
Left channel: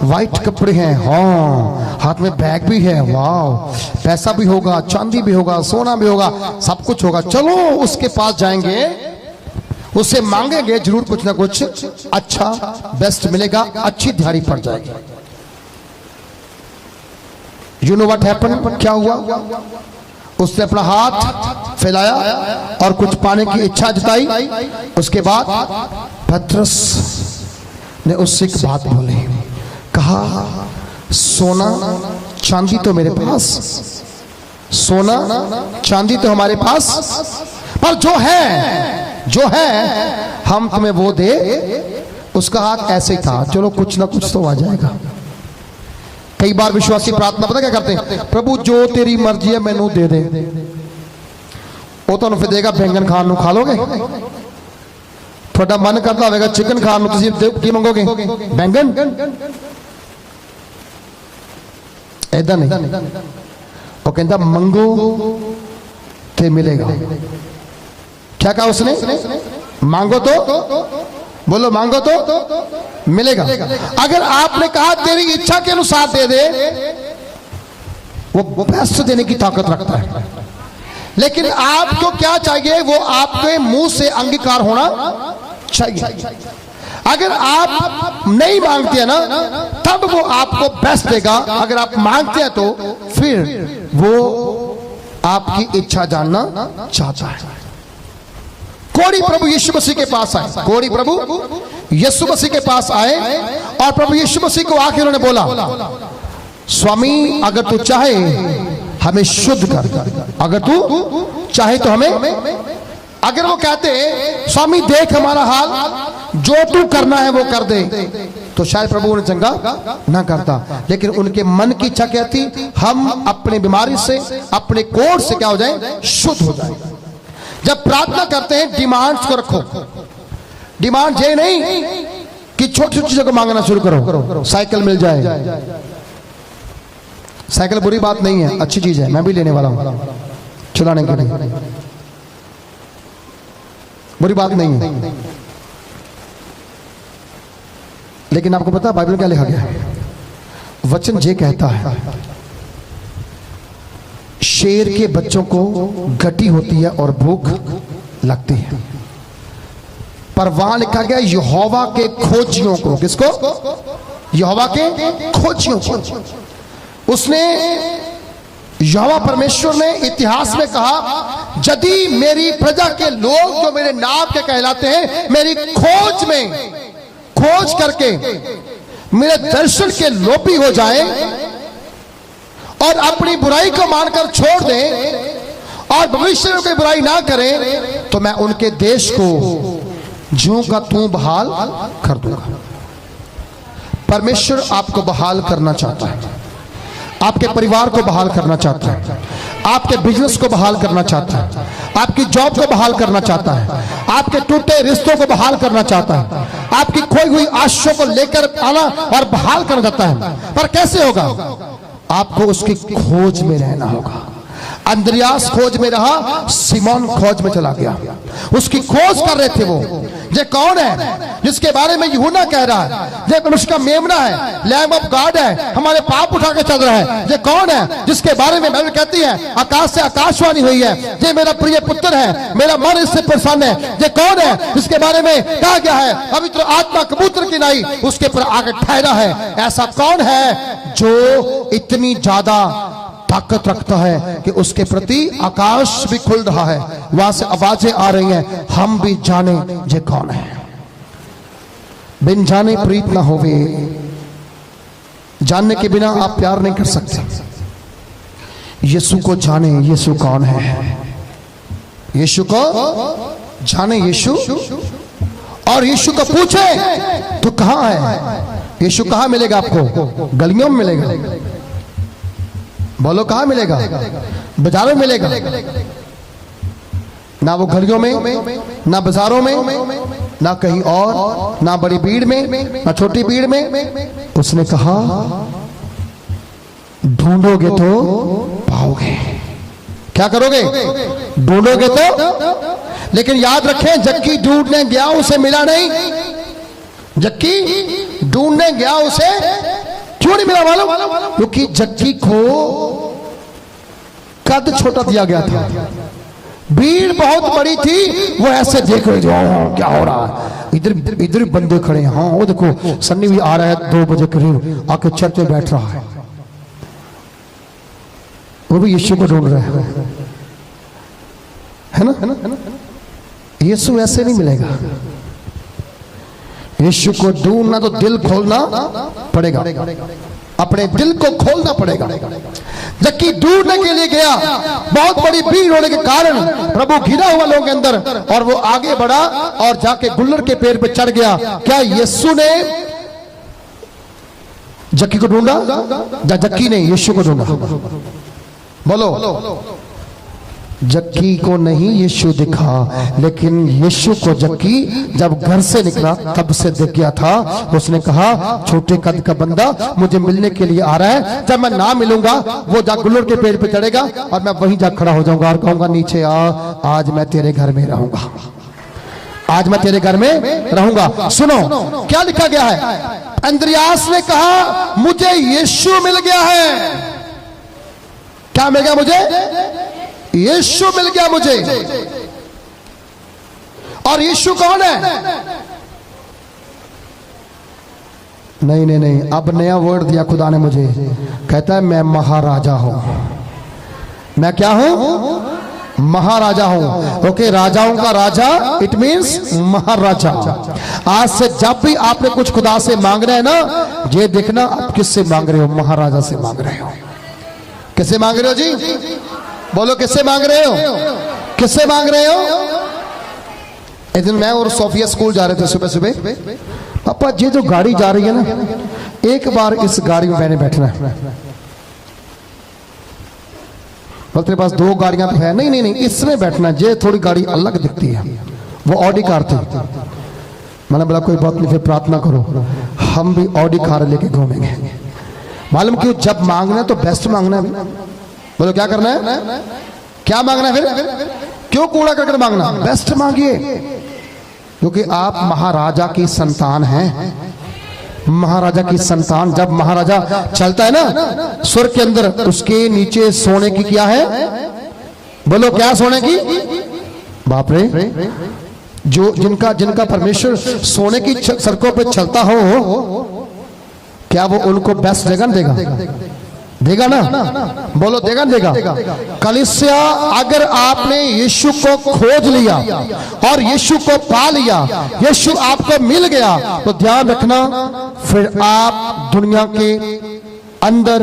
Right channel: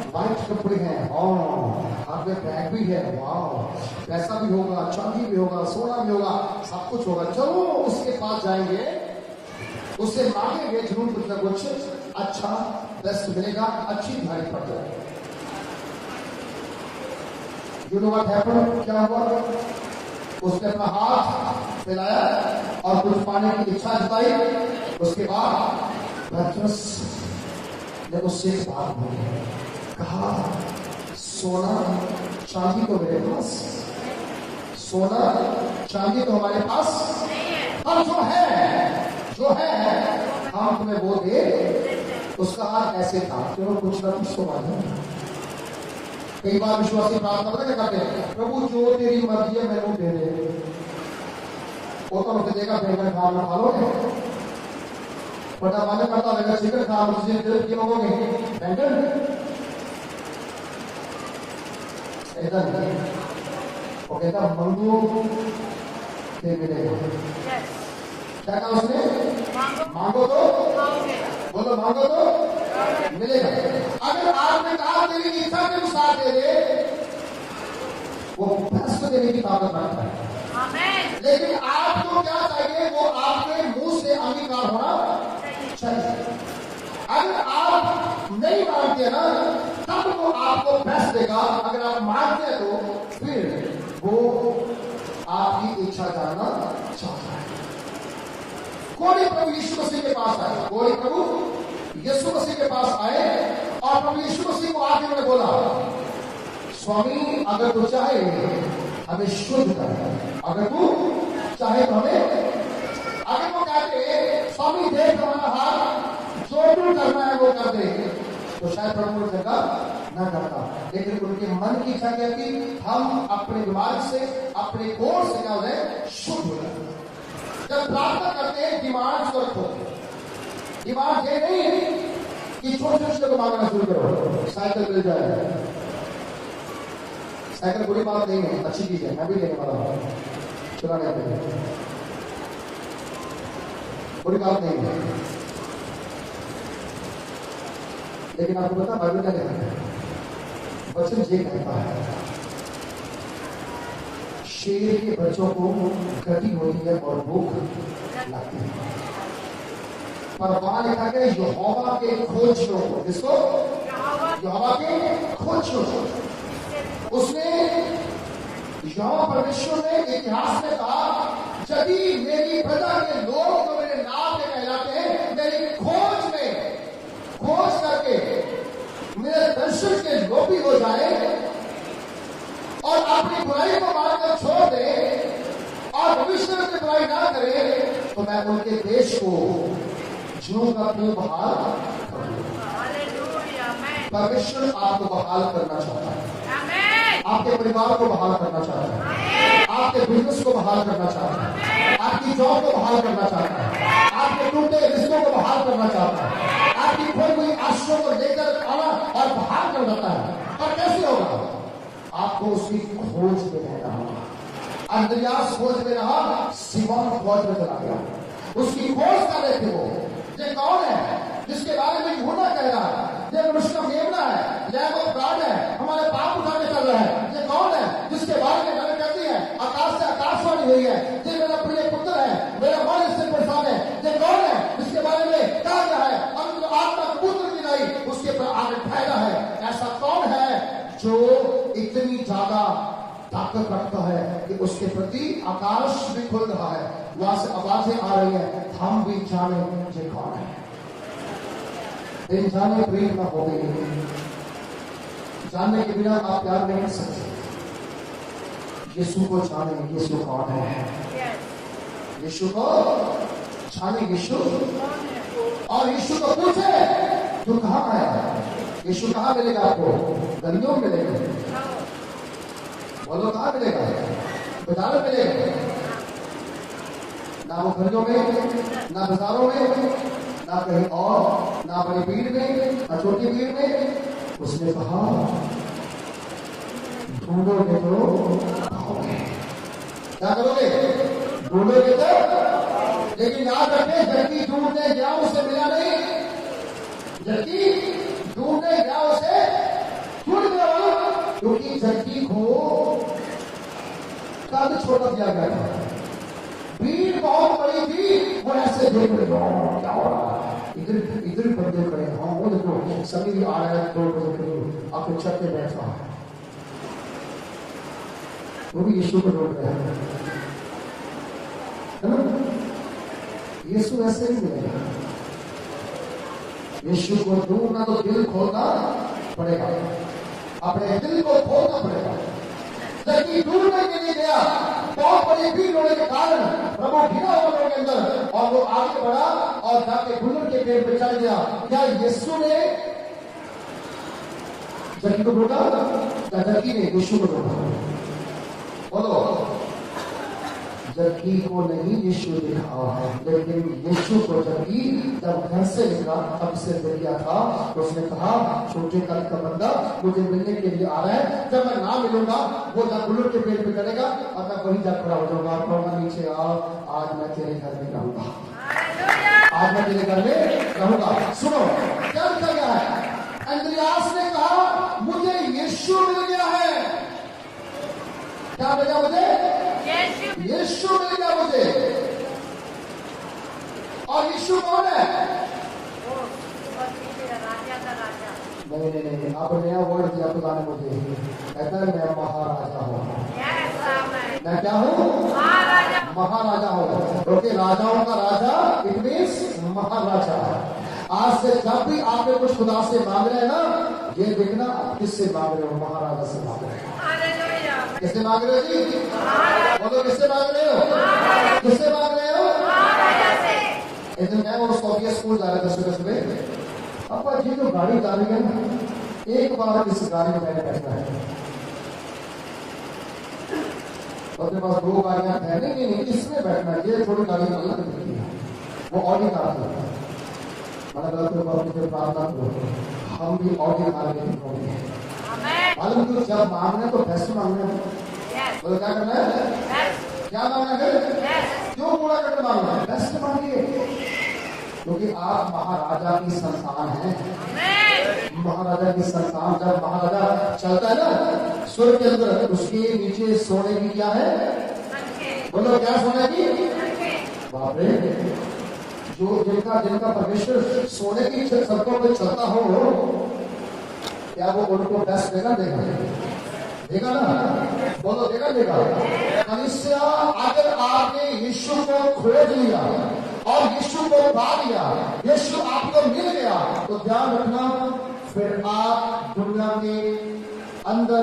वाइट कपड़े हैं, हाँ, हाथ में बैग भी है, वाह, पैसा भी होगा, चांदी भी होगा, सोना भी होगा, सब कुछ होगा। चलो उसके पास जाएंगे, उससे मांगेंगे, जरूर कुछ ना कुछ अच्छा बेस्ट मिलेगा, अच्छी दिहाड़ी पड़ जाएगी। यू नो व्हाट हैपेंड, क्या हुआ? उसने अपना हाथ फैलाया और कुछ पाने की इच्छा जताई। उसके बाद पतरस ने उससे एक बात बोली, कहा सोना चांदी तो मेरे पास, सोना चांदी तो हमारे पास, पर जो है हम तुम्हें वो दे। उसका हाथ ऐसे था, चलो कुछ ना कुछ तो आ जाएगा। कई बार विश्वासी प्रार्थना पता क्या करते हैं, प्रभु जो तेरी मर्जी है मैनू दे दे। वो तो फिर देगा बैंगन खान नू खा लोगे? थोड़ा मन करता होगा चिकन खान नू, तुसीं की मंगोगे? बैंगन? ऐदा नहीं। वो कहता मंगो ते मिलेगा। क्या कहा उसने? मांगो तो, बोलो मांगो तो मिलेगा। अगर आपने कहा तेरी इच्छा के अनुसार दे दे, वो बेस्ट देने की ताकत रखता है। लेकिन आपको क्या चाहिए? वो आपके मुंह से अंगीकार होना चाहिए। अगर आप नहीं मांगते हैं ना, तब वो आपको बेस्ट देगा। अगर आप मांगते हैं तो फिर वो आपकी इच्छा जानना चाहता है। कोड़ी प्रभु यीशु मसीह के पास आए, कोड़ी प्रभु यीशु मसीह के पास आए और प्रभु यीशु मसीह को आके उन्होंने बोला, स्वामी अगर तू चाहे हमें शुद्ध कर, अगर तू चाहे तो हमें। अगर वो कहते स्वामी देख हमारा हाल, जो तू करना है वो कर दे, तो शायद प्रभु उन्हें चंगा ना करता। लेकिन उनके मन की इच्छा क्या थी? हम अपने बीमारी से, अपने कोढ़ से क्या हो जाए? शुद्ध हो जाए। जब प्रार्थना करते हैं डिमांड्स को रखो। डिमांड ये नहीं कि छोटी छोटी चीजों को मांगना शुरू करो। साइकिल मिल जाए, साइकिल बुरी बात नहीं है, अच्छी चीज है, मैं भी लेने वाला हूं, चलाने के लिए बुरी बात नहीं है। लेकिन आपको पता है बाइबल क्या लिखा गया है? वचन ये कहता है, शेर के बच्चों को घटी होती है और भूख लगती है, पर वहां लिखा गया यहोवा के खोजियों को। किसको? यहोवा के खोजियों को। उसने, यहोवा परमेश्वर ने इतिहास में कहा, यदि मेरी प्रजा के लोग जो मेरे नाम के कहलाते हैं मेरी खोज में, खोज करके मेरे दर्शन के लोभी हो जाए और अपनी बुराई को मानकर छोड़ दें और भविष्य में कोई बुराई ना करें, तो मैं उनके देश को ज्यों का त्यों बहाल कर दूंगा। परमेश्वर आपको बहाल करना चाहता है, आपके परिवार को बहाल करना चाहता है, आपके बिजनेस को बहाल करना चाहता है, आपकी जॉब को बहाल करना चाहता है, आपके टूटे रिश्तों को बहाल करना चाहता है, आपकी खोई हुई आशाओं को लेकर आना और बहाल करना चाहता है। पर कैसे होगा? आपको उसकी खोज में रहना होगा। अंद्रयास खोज में रहा, सिमोन खोज में चला गया। उसकी खोज कर रहे थे वो। ये कौन है जिसके बारे में यूहन्ना कह रहा है ये अनुष्का मेमना है, लैम्ब ऑफ गॉड है, हमारे पाप उठा के चल रहा है? ये कौन है जिसके बारे में बाइबल कहती है आकाश से आकाशवाणी हुई है, ये मेरा प्रिय पुत्र है, मेरा मन इससे प्रसन्न है? ये कौन है जिसके बारे में कहा गया है पवित्र आत्मा कबूतर की नाई उसके पर आकर ठहरा है? ऐसा कौन है जो इतनी ज्यादा ताकत रखता है कि उसके प्रति आकाश भी खुल रहा है, वहां से आवाजें आ रही हैं, हम भी जाने ये कौन है। बिन जाने प्रीत ना होवे, जानने के बिना आप प्यार नहीं कर सकते। यीशु को जाने, यीशु कौन है, यीशु को जाने, यीशु, और यीशु को पूछे तो कहां है? यीशु कहां मिलेगा आपको? गलियों में मिलेगा? बोलो कहां मिलेगा? बाजारों में मिलेगा? ना वो गलियों में, ना बाजारों में, ना कहीं और, ना बड़ी भीड़ में, ना छोटी भीड़ में। उसने कहा ढूंढोगे तो पाओगे। क्या करोगे? ढूंढोगे तो। लेकिन याद रखें, जक्की ढूंढने गया उसे मिला नहीं। जक्की ढूंढने गया उसे क्यों नहीं मिला मालूम? क्योंकि जक्की को कद छोटा दिया गया था, भीड़ बहुत बड़ी थी। वो ऐसे देख रहे थे क्या हो रहा है, इधर इधर बंदे खड़े हैं। हाँ वो देखो सन्नी भी आ रहा है 2 बजे करीब, आके चर्च में बैठ रहा है। वो भी यीशु को ढूंढ रहा है ना? यीशु ऐसे नहीं मिलेगा। यीशु को ढूंढना तो दिल खोलना पड़ेगा, अपने दिल को खोलना पड़ेगा। जबकि ढूंढने के लिए गया, बहुत बड़ी भीड़ होने के कारण प्रभु घिरा हुआ लोगों के अंदर, और वो आगे बढ़ा और जाके गुल्लर के पेड़ पे चढ़ गया। क्या यीशु ने जक्की को ढूंढा? जक्की ने यीशु को ढूंढा? बोलो। जक्की को नहीं यीशु दिखा, लेकिन यीशु को जक्की जब घर से निकला तब से दिख गया था। उसने कहा छोटे कद का बंदा मुझे मिलने के लिए आ रहा है, जब मैं ना मिलूंगा वो जा गुल्लर के पेड़ पे चढ़ेगा और मैं वहीं जा खड़ा हो जाऊंगा और कहूंगा नीचे आ, आज मैं तेरे घर में रहूंगा, आज मैं तेरे घर में रहूंगा। सुनो क्या लिखा गया है। अंद्रियास ने कहा मुझे यीशु मिल गया है। क्या मिल गया मुझे? यीशु मिल गया मुझे। और यीशु कौन है? नहीं नहीं नहीं, अब नया वर्ड दिया खुदा ने मुझे। कहता है मैं महाराजा हूं। मैं क्या हूं? महाराजा हूं। ओके, राजाओं का राजा इट मींस महाराजा। आज से जब भी आपने कुछ खुदा से मांगना है ना, ये देखना आप किससे मांग रहे हो। महाराजा से मांग रहे हो। किससे मांग रहे हो जी? बोलो किससे मांग रहे हो? किससे मांग रहे हो? एक दिन मैं और सोफिया स्कूल जा रहे थे सुबह सुबह। पापा ये जो गाड़ी जा रही है ना, एक बार इस गाड़ी में मैंने बैठना है। बोलते तेरे पास दो गाड़ियां तो है। नहीं नहीं नहीं, इसमें बैठना। ये थोड़ी गाड़ी अलग दिखती है, वो ऑडी कार थी। मैंने बोला कोई बात नहीं, फिर प्रार्थना करो, हम भी ऑडी कार लेके घूमेंगे। मालूम क्यों? जब मांगना है तो बेस्ट मांगना है। बोलो क्या करना है? क्या मांगना है? फिर क्यों कूड़ा करके मांगना? बेस्ट मांगिए, क्योंकि आप महाराजा की संतान हैं। महाराजा की संतान। जब महाराजा चलता है ना स्वर्ग के अंदर, उसके नीचे सोने की क्या है? बोलो क्या सोने की? बाप रे, जो जिनका परमेश्वर सोने की सड़कों पे चलता हो, क्या वो उनको बेस्ट देगा ना? देगा ना? बोलो देगा ना? देगा। कलीसिया, अगर आपने यीशु को खोज लिया और यीशु को पा लिया, यीशु आपको मिल गया, तो ध्यान रखना फिर आप दुनिया के अंदर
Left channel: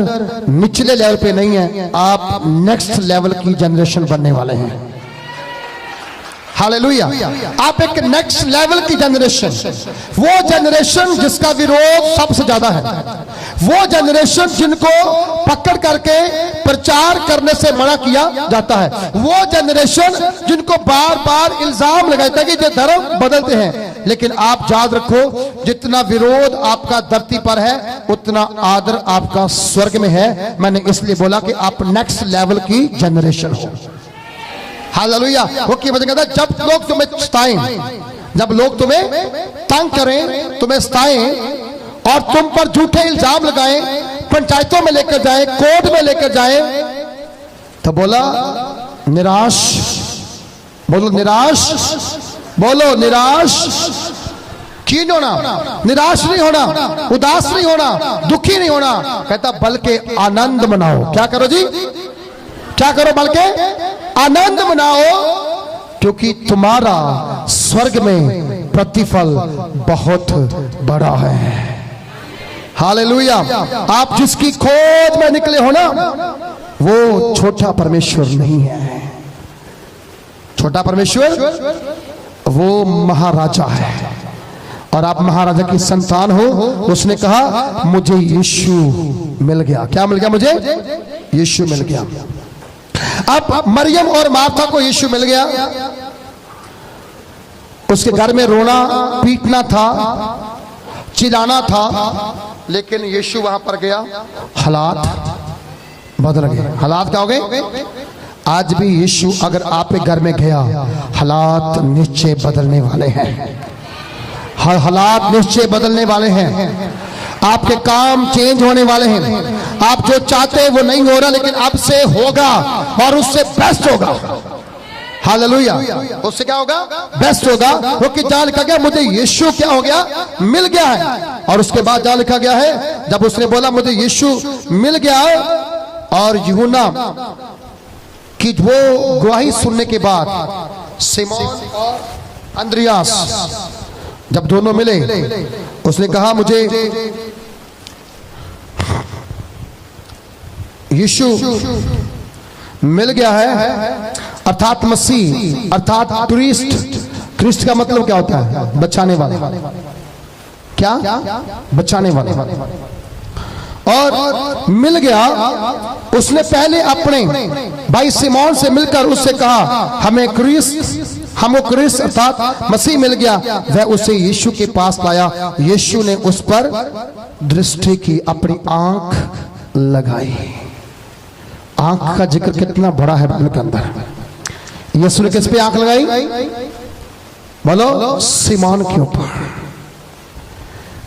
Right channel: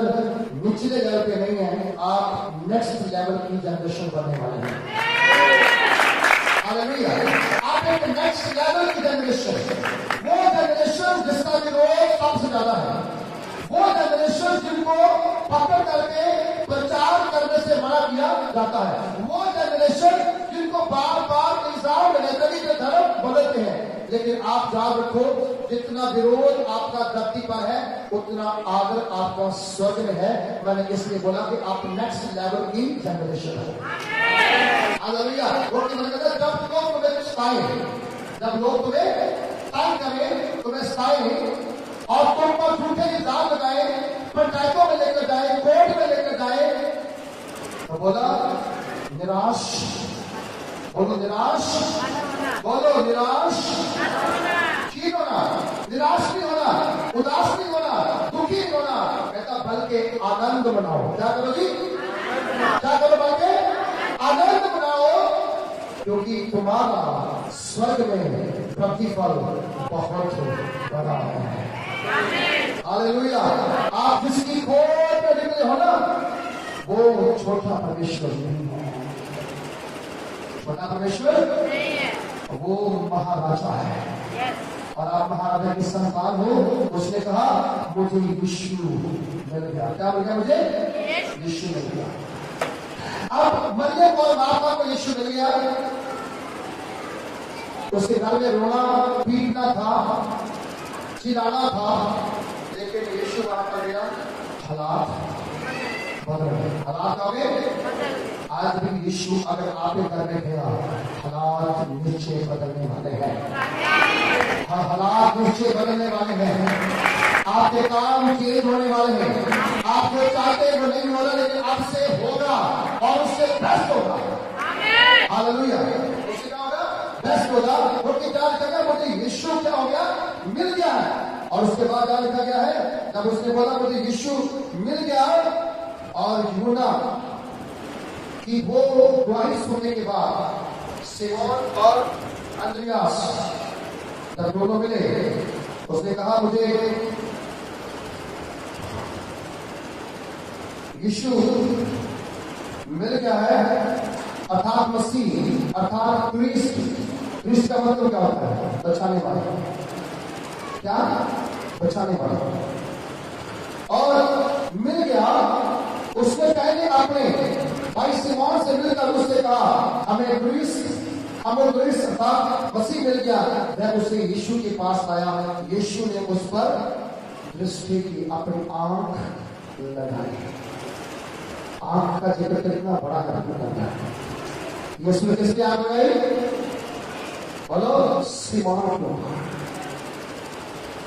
निचले लेवल पे नहीं है, आप नेक्स्ट लेवल की जनरेशन बनने वाले हैं। हालेलुया। आप एक नेक्स्ट लेवल की जनरेशन, वो जनरेशन जिसका विरोध सबसे ज्यादा है, वो जनरेशन जिनको पकड़ करके प्रचार करने से मना किया जाता है, वो जनरेशन जिनको बार बार इल्जाम लगाता है कि ये धर्म बदलते हैं। लेकिन आप याद रखो, जितना विरोध आपका धरती पर है उतना आदर आपका स्वर्ग में है। मैंने इसलिए बोला कि आप नेक्स्ट लेवल की जनरेशन हो। हालेलुया। वो की वजह कहता है, जब लोग तुम्हें सताएं, जब लोग तुम्हें तंग करें, तुम्हें सताएं और तुम पर झूठे इल्जाम लगाएं, पंचायतों में लेकर जाएं, कोर्ट में लेकर जाएं, तो बोला निराश। बोलो निराश। बोलो निराश। क्यों नहीं होना? निराश नहीं होना, उदास नहीं होना, दुखी नहीं होना। कहता बल्कि आनंद मनाओ। क्या करो जी? क्या करो? बल्कि आनंद मनाओ, क्योंकि तुम्हारा स्वर्ग में प्रतिफल बहुत बड़ा है। हालेलुया। आप जिसकी खोज में निकले हो ना, वो छोटा परमेश्वर नहीं है। छोटा परमेश्वर वो महाराजा है, और आप महाराजा की संतान हो। उसने कहा मुझे यीशु मिल गया। क्या मिल गया? मुझे यीशु मिल गया। अब मरियम और मार्था को यीशु मिल गया। उसके घर में रोना पीटना था, चिल्लाना था, लेकिन यीशु वहां पर गया, हालात बदल गए। हालात क्या हो गए? आज भी यीशु अगर आपके घर में गया, हालात निश्चय बदलने वाले हैं। हालात निश्चय बदलने वाले हैं। आपके काम चेंज होने वाले हैं। आप जो चाहते हैं वो नहीं हो रहा, लेकिन अब से होगा और उससे बेस्ट होगा। हालेलुया। उससे क्या होगा? बेस्ट होगा। वो कि जहां लिखा गया मुझे यीशु क्या हो गया? मिल गया है। और उसके बाद जहां लिखा गया है, जब उसने बोला मुझे यीशु मिल गया, और यूहन्ना कि वो गवाही सुनने के बाद सिमोन और अंद्रियास जब दोनों मिले, उसने कहा मुझे यीशु मिल गया है, अर्थात मसीह, अर्थात क्रिस्ट। क्रिस्ट का मतलब क्या होता है? बचाने वाला। क्या? बचाने वाला। और मिल गया। उसने पहले अपने भाई सिमोन से मिलकर उससे कहा हमें क्रिस्ट अर्थात मसीह मिल गया। वह उसे यीशु के पास लाया। यीशु ने उस पर दृष्टि की, अपनी आंख लगाई। आंख का जिक्र कितना बड़ा है बाइबल के अंदर। यीशु ने किस पे आंख लगाई? बोलो, सिमोन के ऊपर।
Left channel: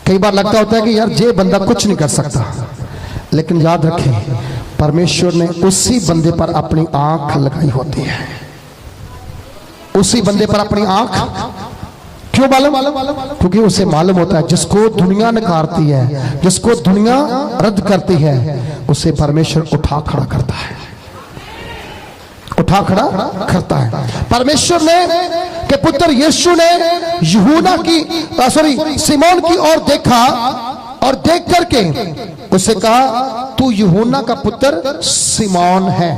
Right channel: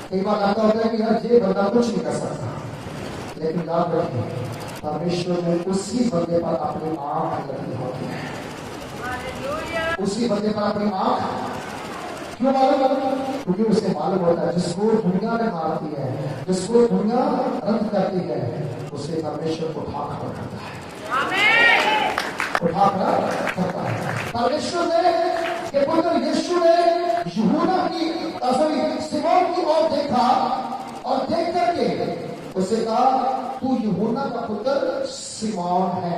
कई बार लगता होता है कि यार ये बंदा कुछ नहीं कर सकता, लेकिन याद रखें परमेश्वर ने उसी बंदे पर अपनी आंख लगाई होती है। उसी बंदे पर अपनी आंख क्यों मालूम? क्योंकि उसे मालूम होता है जिसको दुनिया नकारती है, जिसको दुनिया रद्द करती है, उसे परमेश्वर उठा खड़ा करता है, उठा खड़ा करता है। परमेश्वर ने के पुत्र यीशु ने यूहन्ना की सिमोन की ओर देखा और देख करके उसे कहा तू यूहन्ना का पुत्र सिमोन है,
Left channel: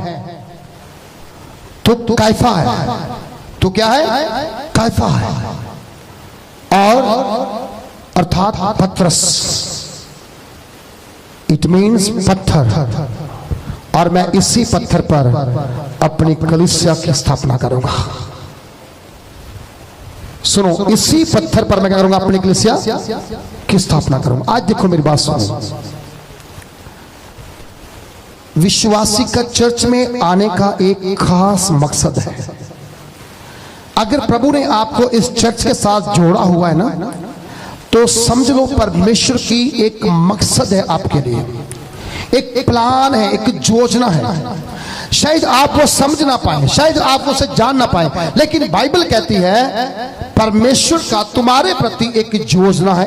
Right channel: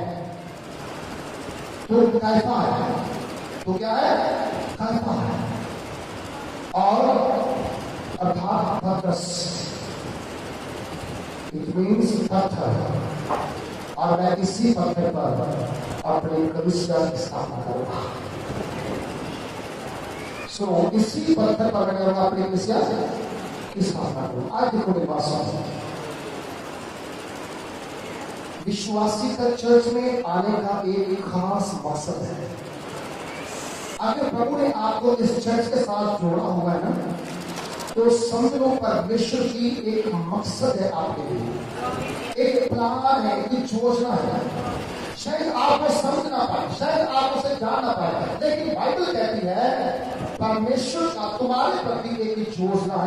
तो कैफा है। तो क्या है? कैफा है। और अर्थात पत्रस, इट मीन्स पत्थर। और मैं इसी पत्थर पर अपनी कलीसिया की स्थापना करूंगा। सुनो, इसी पत्थर पर मैं क्या करूंगा? अपनी कलीसिया की स्थापना करूंगा। आज देखो मेरी बात सुनो, विश्वासी का चर्च में आने का एक खास मकसद है। अगर प्रभु ने आपको इस चर्च के साथ जोड़ा हुआ है ना, तो समझ लो परमेश्वर की एक मकसद है आपके लिए, एक प्लान है, एक योजना है। शायद आप वो समझ ना पाए, शायद आप उसे जान ना पाए, लेकिन बाइबल कहती है परमेश्वर का तुम्हारे प्रति एक योजना है,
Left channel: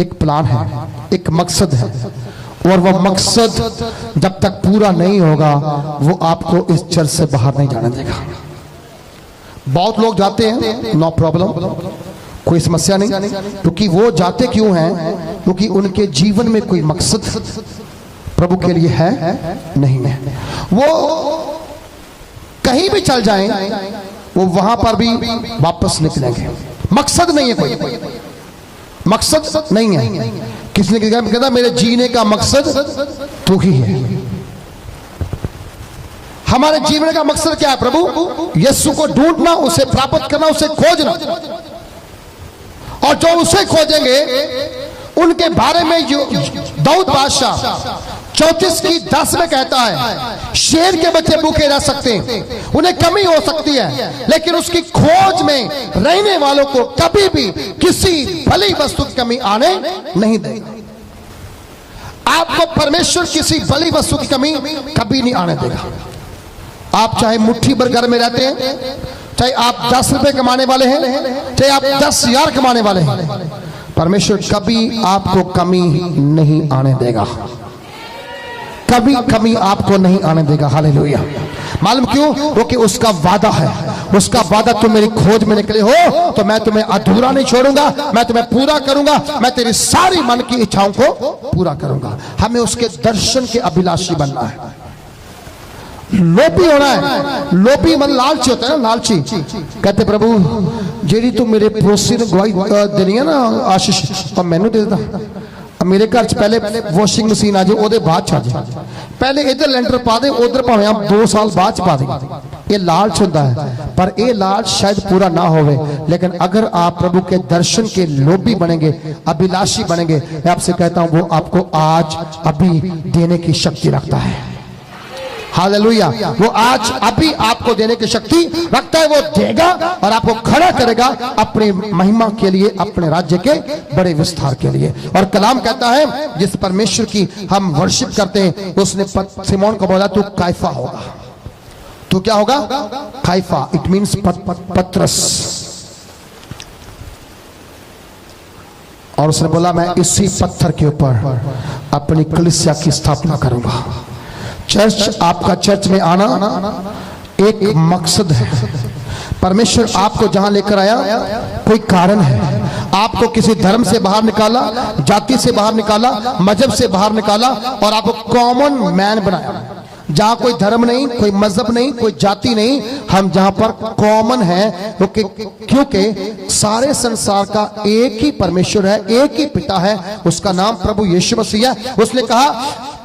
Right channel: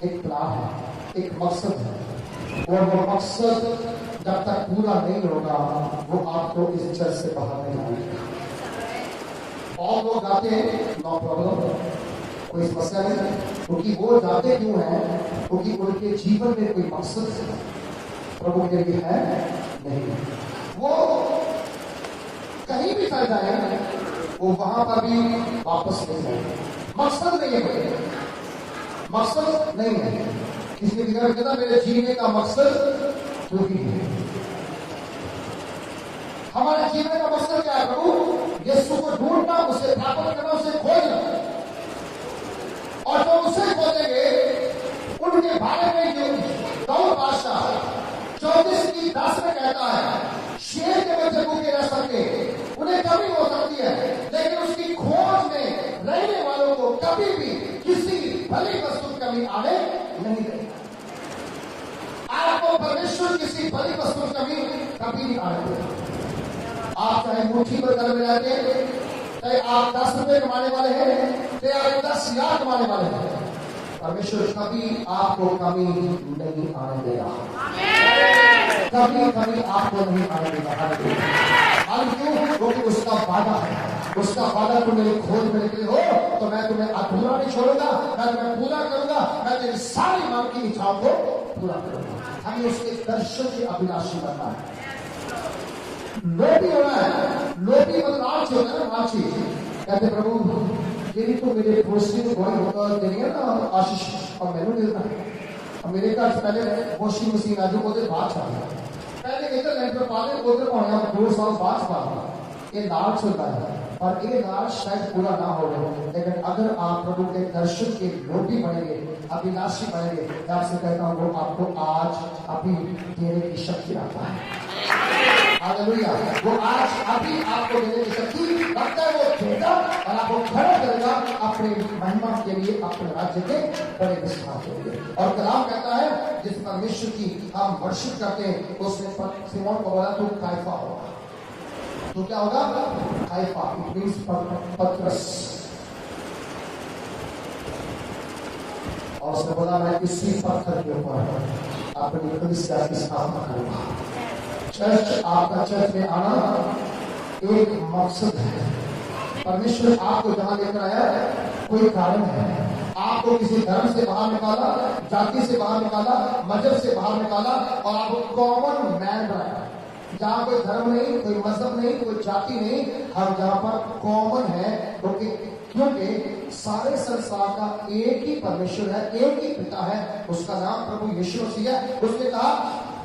एक प्लान है, एक मकसद है। और वो मकसद जब तक पूरा नहीं होगा वो आपको इस चर्च से बाहर नहीं जाने देगा। बहुत लोग जाते हैं, नो प्रॉब्लम, कोई समस्या नहीं, क्योंकि वो जाते क्यों हैं? क्योंकि उनके जीवन में कोई मकसद प्रभु के लिए है नहीं है। वो कहीं भी चल जाएं, वो वहां पर भी वापस निकलेंगे। मकसद नहीं है, कोई मकसद नहीं है। किसने कहता मेरे जीने का मकसद तू ही है। हमारे जीवन का मकसद क्या है? प्रभु यीशु को ढूंढना, उसे प्राप्त करना, उसे खोजना। और जो उसे खोजेंगे उनके बारे में जो दाऊद बादशाह 34:10 में कहता है, शेर के बच्चे भूखे रह सकते हैं, उन्हें कमी हो सकती है, लेकिन उसकी खोज में रहने वालों को कभी भी किसी भली वस्तु की कमी आने नहीं देगा। आपको परमेश्वर किसी भली वस्तु की कमी कभी नहीं आने देगा। आप चाहे मुट्ठी भर घर में रहते हैं, चाहे आप 10 रुपए कमाने वाले हैं, चाहे आप 10,000 कमाने वाले हैं, परमेश्वर कभी आपको कमी नहीं आने देगा। कभी कमी आपको नहीं आने देगा। हालेलुया। मालूम क्यों? क्योंकि उसका वादा है। उसका वादा, तुम मेरी खोज में निकले हो तो मैं तुम्हें अधूरा नहीं छोड़ूंगा, मैं तुम्हें पूरा करूंगा, मैं तेरी सारी मन की इच्छाओं को पूरा करूंगा। हमें उसके दर्शन के अभिलाषी बनना है, लोभी होना है। लोभी मन लालची होता है ना, लालची। कहते प्रभु जेडी तू मेरे पड़ोसी ने गवाही देनी है ना आशीष, और मैनू दे देता। मेरे घर पहले वॉशिंग मशीन आ जाए, ओदे बाद छा जाए, पहले इधर लेंटर पा दे, उधर भावें आप 2 साल बाद पा दे। ये लालच होता है, पर ये लालच शायद पूरा ना होवे। लेकिन अगर आप प्रभु के दर्शन के लोभी बनेंगे, अभिलाषी बनेंगे, मैं आपसे कहता हूं वो आपको आज अभी देने की शक्ति रखता है। हालेलुया। वो आज अभी आपको देने की शक्ति रखता है। वो देगा और आपको खड़ा करेगा अपनी महिमा के लिए, अपने राज्य के बड़े विस्तार के लिए। और कलाम कहता है जिस परमेश्वर की हम वर्शिप करते हैं, उसने सिमोन को बोला तू कैफा होगा। तो क्या होगा? कैफा, इट मीन्स पत्रस। और उसने बोला मैं इसी पत्थर के ऊपर अपनी कलीसिया की स्थापना करूंगा। चर्च, आपका चर्च में आना एक मकसद है। परमेश्वर आपको जहां लेकर आया कोई कारण है। आपको किसी धर्म से बाहर निकाला, जाति से बाहर निकाला, मजहब से बाहर निकाला और आपको कॉमन मैन बनाया। जहां कोई धर्म नहीं, कोई मजहब नहीं, कोई जाति नहीं, हम जहां पर कॉमन है, क्योंकि सारे संसार का एक ही परमेश्वर है, एक ही पिता है, उसका नाम प्रभु यीशु मसीह है। उसने कहा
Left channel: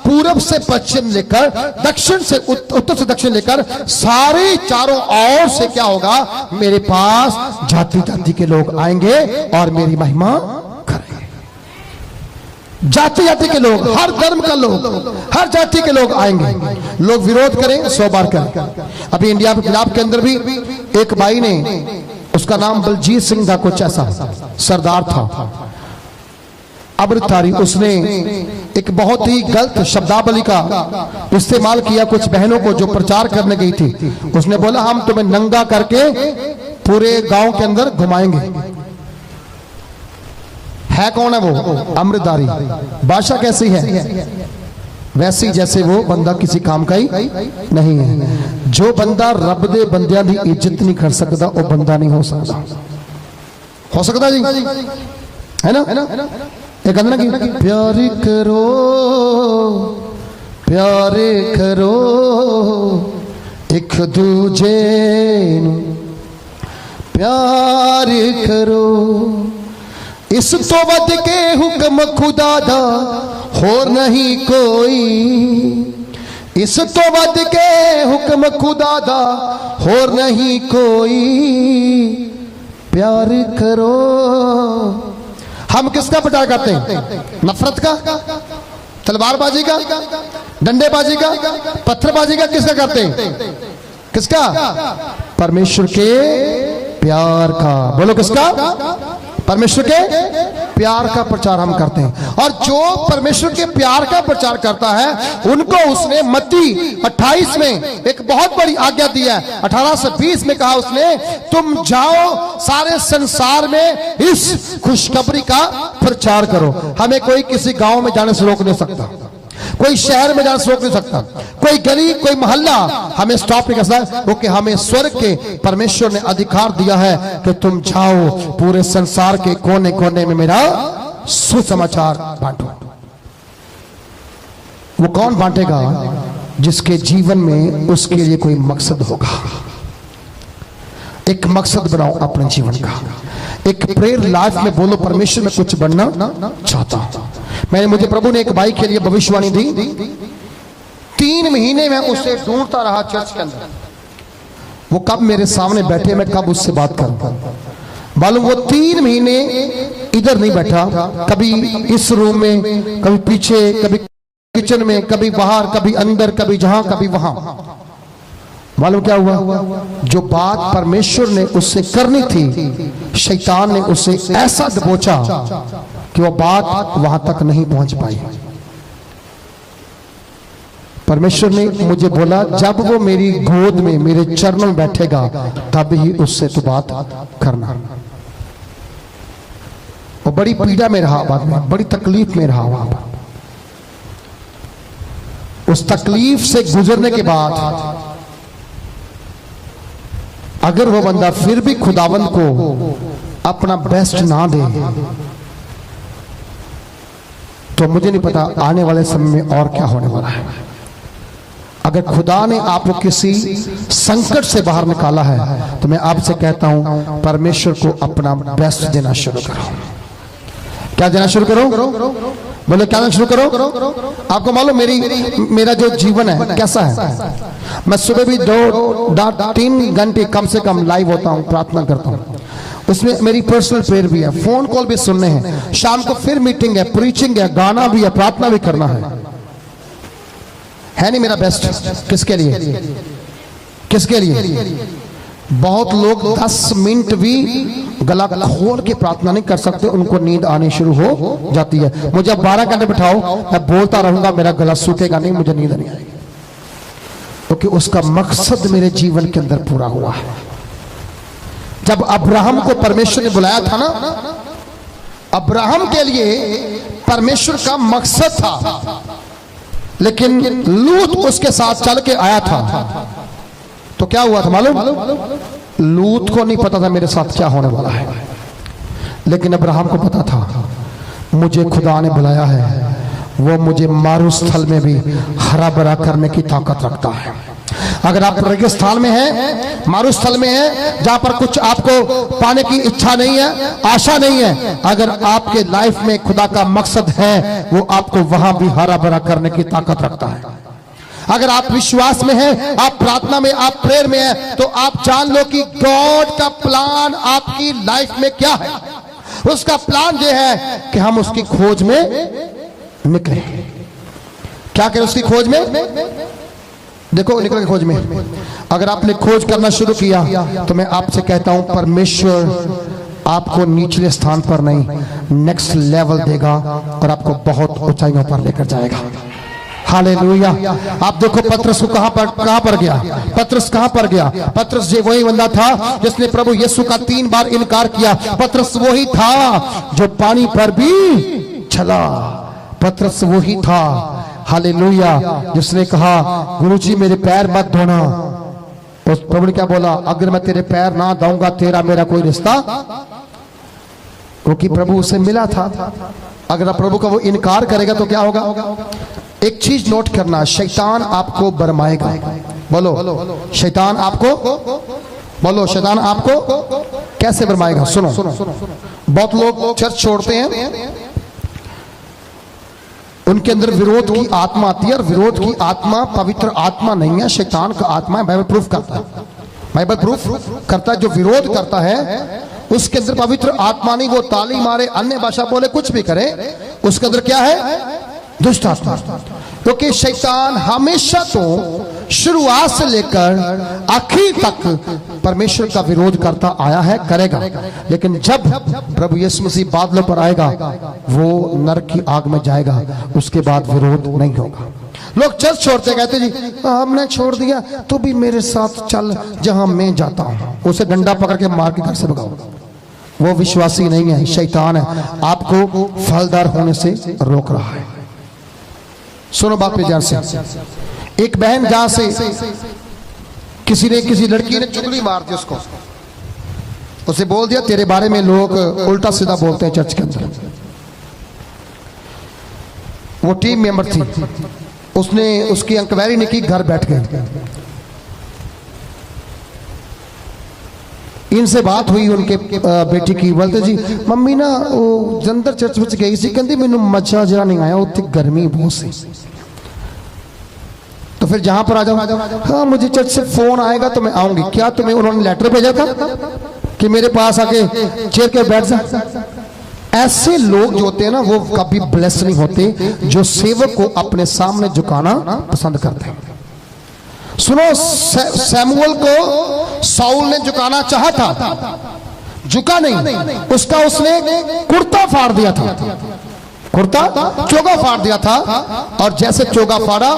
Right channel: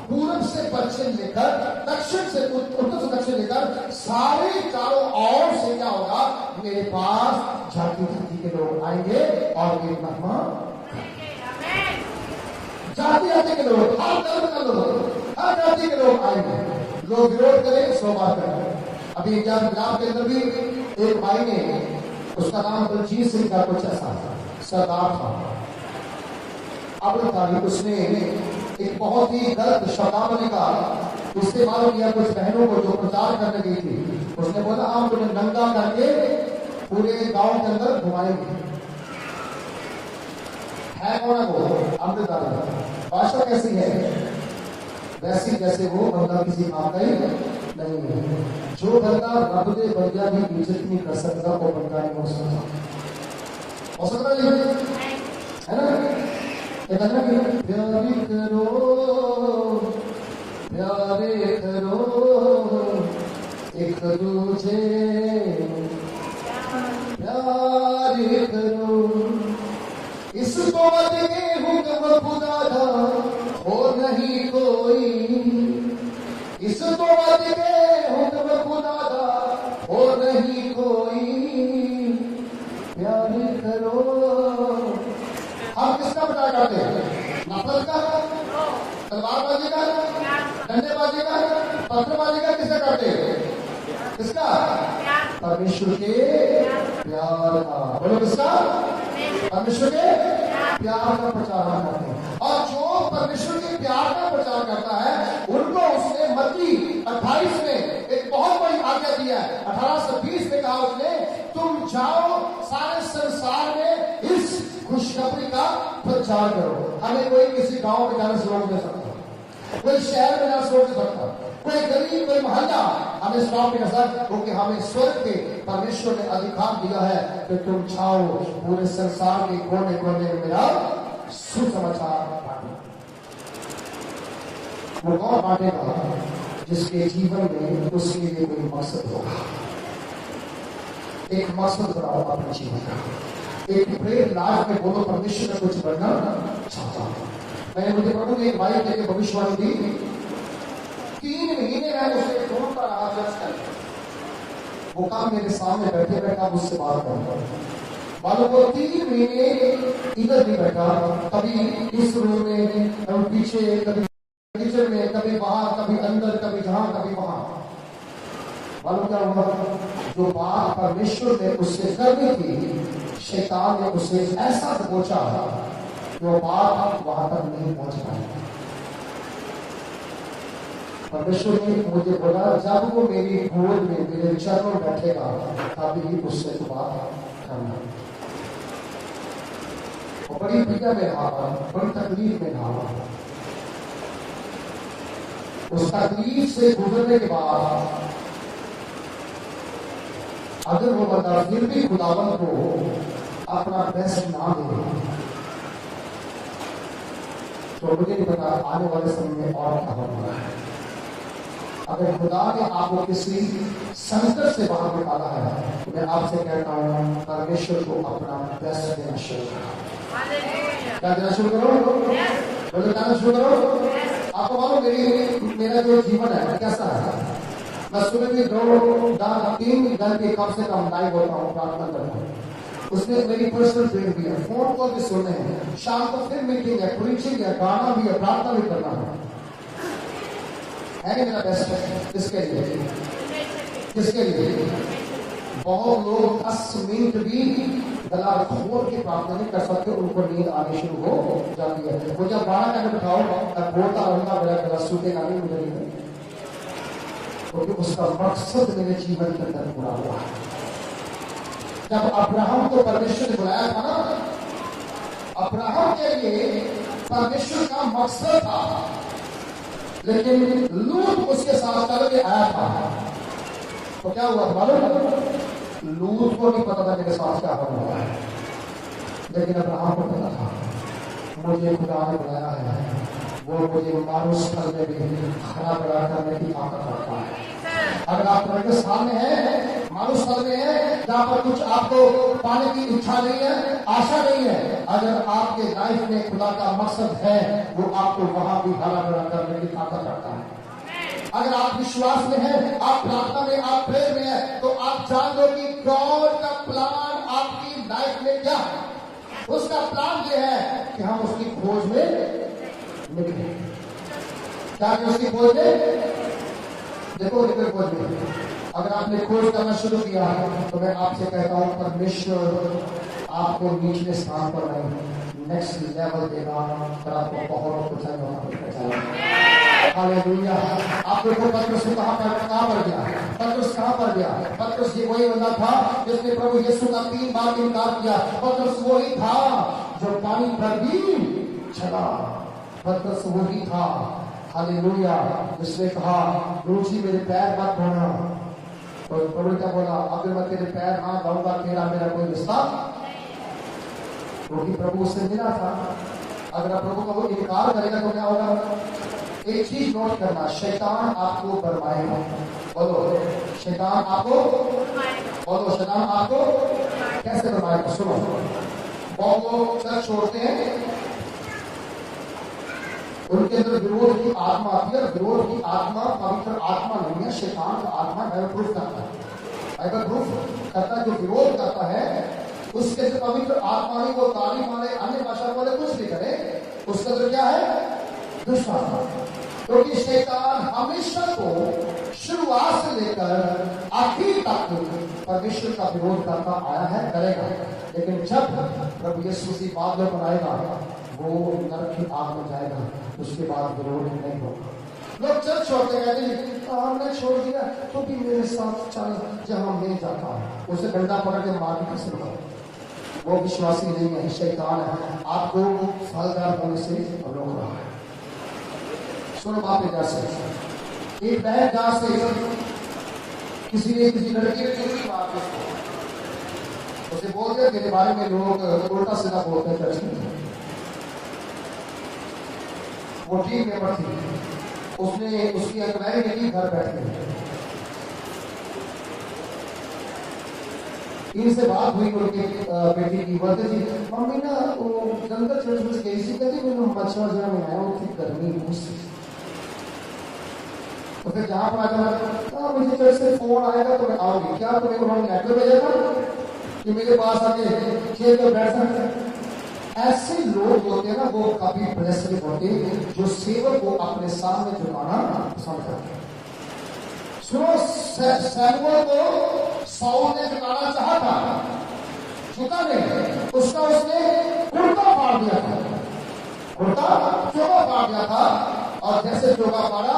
पूरब से पश्चिम लेकर, दक्षिण से उत्तर से दक्षिण लेकर सारे चारों ओर से क्या होगा, मेरे पास जाति जाति के लोग आएंगे और मेरी महिमा करेंगे। जाति जाति के लोग, हर धर्म का लोग, हर जाति के लोग आएंगे। लोग विरोध करें 100 बार करें। अभी इंडिया पंजाब के अंदर भी एक भाई ने, उसका नाम बलजीत सिंह था, कुछ ऐसा सरदार था, अमृतधारी, उसने एक बहुत ही गलत शब्दावली का इस्तेमाल किया कुछ बहनों को जो प्रचार करने गई थी। उसने बोला हम तुम्हें नंगा करके पूरे गांव के अंदर घुमाएंगे। है कौन है वो? अमृतधारी। भाषा कैसी है? वैसी जैसे वो बंदा किसी काम का ही नहीं है। जो बंदा रब दे बंदियां दी इज्जत नहीं कर सकता वो बंदा नहीं हो सकता। हो सकता जी, है ना? एक गाना की प्यार करो प्यार करो एक दूजे नू प्यार करो, इस तो वध के हुक्म खुदा दा होर नहीं कोई, इस तो वध के हुक्म खुदा दा होर नहीं कोई, प्यार करो। हम किसका प्रचार करते हैं? नफरत का, तलवारबाजी का, डंडेबाजी का, पत्थरबाजी का? किसका करते हैं? किसका? परमेश्वर के प्यार का। बोलो किसका? परमेश्वर के प्यार का प्रचार हम करते हैं। और जो परमेश्वर के प्यार का प्रचार करता है उनको उसने मत्ती 28 में एक बहुत बड़ी आज्ञा दी है। 18 से 20 में कहा उसने, तुम जाओ सारे संसार में इस खुशखबरी का प्रचार करो। हमें कोई किसी गांव में जाने से रोक नहीं सकता, कोई शहर में जाने से रोक नहीं सकता, कोई गली, कोई मोहल्ला हमें स्टॉप नहीं कर सकता, क्योंकि हमें स्वर्ग के परमेश्वर ने अधिकार दिया है कि तुम जाओ पूरे संसार के कोने कोने में मेरा सुसमाचार बांटो। वो कौन बांटेगा? जिसके जीवन में उसके लिए कोई मकसद होगा। एक मकसद बनाओ अपने जीवन का। एक प्रेयर लाइफ में बोलो, परमेश्वर में कुछ बनना चाहता हूं। मुझे प्रभु ने एक भाई के लिए भविष्यवाणी दी। 3 महीने में उसे ढूंढता रहा चर्च के अंदर, वो कब मेरे सामने बैठे, मैं कब उससे बात करूं। मालूम वो 3 महीने इधर नहीं बैठा, कभी इस रूम में, कभी पीछे, कभी किचन में, कभी बाहर, कभी अंदर, कभी जहां, कभी वहां। मालूम क्या हुआ? जो बात परमेश्वर ने उससे करनी थी, शैतान ने उसे ऐसा दबोचा कि वो बात वहां तक नहीं पहुंच पाई। परमेश्वर ने मुझे बोला, जब वो मेरी गोद में, मेरे चरणों में बैठेगा तब ही उससे तो बात करना। वो बड़ी पीड़ा में रहा, बाद में बड़ी तकलीफ में रहा। वहां उस तकलीफ से गुजरने के बाद अगर वो बंदा फिर भी खुदावंद को अपना बेस्ट ना दे तो मुझे नहीं पता आने वाले समय में और क्या होने वाला है। अगर खुदा ने आपको किसी संकट से बाहर निकाला है तो मैं आपसे कहता हूं, परमेश्वर को अपना बेस्ट देना शुरू करो। क्या देना शुरू करो? बोलो क्या देना शुरू करो? आपको मालूम मेरा जो जीवन है कैसा है? मैं सुबह भी 2-3 घंटे कम से कम लाइव होता हूं, प्रार्थना करता हूं। उसमें मेरी पर्सनल प्रेयर भी है, फोन कॉल भी सुनने हैं, शाम को फिर मीटिंग है, प्रीचिंग है, गाना भी है, प्रार्थना भी करना है नहीं मेरा बेस्ट? किसके लिए? किसके लिए? बहुत लोग 10 मिनट भी गला खोल के प्रार्थना नहीं कर सकते, उनको नींद आनी शुरू हो जाती है। मुझे 12 घंटे बिठाओ, मैं बोलता रहूंगा, मेरा गला सूखेगा नहीं, मुझे नींद नहीं आएगी, क्योंकि उसका मकसद मेरे जीवन के अंदर पूरा हुआ है। जब अब्राहम को परमेश्वर ने बुलाया था ना, अब्राहम के लिए परमेश्वर का मकसद था, लेकिन लूत उसके साथ चल के आया था। तो क्या हुआ था मालूम? लूत को नहीं पता था मेरे साथ क्या होने वाला है, लेकिन अब्राहम को पता था मुझे खुदा ने बुलाया है, वो मुझे मारूस्थल में भी हरा भरा करने की ताकत रखता है। अगर आप रेगिस्तान में हैं, मारूस्थल में हैं, जहां पर कुछ आपको पाने की इच्छा नहीं है, आशा नहीं है, अगर आपके लाइफ में खुदा का मकसद है, वो आपको वहां भी हरा भरा करने की ताकत रखता है। अगर आप विश्वास में हैं, आप प्रार्थना में, आप प्रेयर में हैं, तो आप जान लो कि गॉड का प्लान आपकी लाइफ में क्या है। उसका प्लान यह है कि हम उसकी खोज में निकले। क्या करें उसकी खोज में? देखो निकले खोज में। अगर आपने खोज करना शुरू किया तो मैं आपसे कहता हूं परमेश्वर आपको निचले स्थान पर नहीं, नेक्स्ट लेवल देगा और आपको बहुत ऊंचाइयों पर लेकर जाएगा। हालेलुया। आप देखो पतरस को कहां पर गया? पतरस कहां पर गया? पतरस जी वही बंदा था जिसने प्रभु यीशु का 3 बार इनकार किया। पतरस वही था जो पानी पर भी चला। पतरस वही था, हालेलुया, जिसने कहा गुरुजी मेरे पैर मत धोना। उस प्रभु ने क्या बोला? अगर मैं तेरे पैर ना धोऊंगा तेरा मेरा कोई रिश्ता, क्योंकि प्रभु उसे मिला था। अगर प्रभु का वो इनकार करेगा तो क्या होगा? एक चीज नोट करना, शैतान आपको बरमाएगा। बोलो शैतान आपको, बोलो शैतान आपको कैसे बरमाएगा? सुनो, बहुत लोग चर्च छोड़ते हैं, उनके अंदर विरोध की आत्मा आती है, और विरोध की आत्मा पवित्र आत्मा नहीं है, शैतान का आत्मा है। बाइबल प्रूफ करता है, बाइबल प्रूफ करता है। जो विरोध करता है उसके अंदर पवित्र आत्मा नहीं, वो ताली मारे, अन्य भाषा बोले, कुछ भी करे, उसके अंदर क्या है? दुष्ट आत्मा। क्योंकि शैतान हमेशा तो शुरुआत से लेकर आखिर तक परमेश्वर का विरोध करता आया है, करेगा। लेकिन जब प्रभु यीशु मसीह बादलों पर आएगा, वो नरक की आग में जाएगा, उसके बाद विरोध नहीं होगा। लोग चर्च छोड़ते, कहते जी हमने छोड़ दिया तो भी मेरे साथ चल जहां मैं जाता हूं। उसे डंडा पकड़ के मार के घर से भगाओ। वो विश्वासी नहीं है, शैतान है, आपको फलदार होने से रोक रहा है। सुनो बात पे ध्यान से। एक बहन जहां से किसी लड़की ने चुगली मार दी उसको, उसे बोल दिया तेरे बारे में लोग उल्टा सीधा बोलते हैं चर्च के अंदर। वो टीम मेंबर थी, उसने उसकी इंक्वायरी नहीं की, घर बैठ गए। इनसे बात हुई उनके बेटी की, बोलते जी मम्मी ना वो जंदर चर्च में गई सी, कहती मैनू मजा जरा नहीं आया, उत्थे गर्मी बहुत सी। तो फिर जहां पर आ जाओ, हाँ मुझे चर्च से फोन आएगा तो मैं आऊंगी। क्या तुम्हें उन्होंने लेटर भेजा था कि मेरे पास आके चेयर के बैठ जा? ऐसे लोग जो होते हैं ना, वो कभी ब्लेस नहीं होते, जो सेवक को अपने सामने झुकाना पसंद करते हैं। सुनो, सैमुअल को साउल ने झुकाना चाहा था, झुका नहीं, उसका उसने कुर्ता फाड़ दिया था, कुर्ता चोगा फाड़ दिया था। और जैसे चोगा फाड़ा,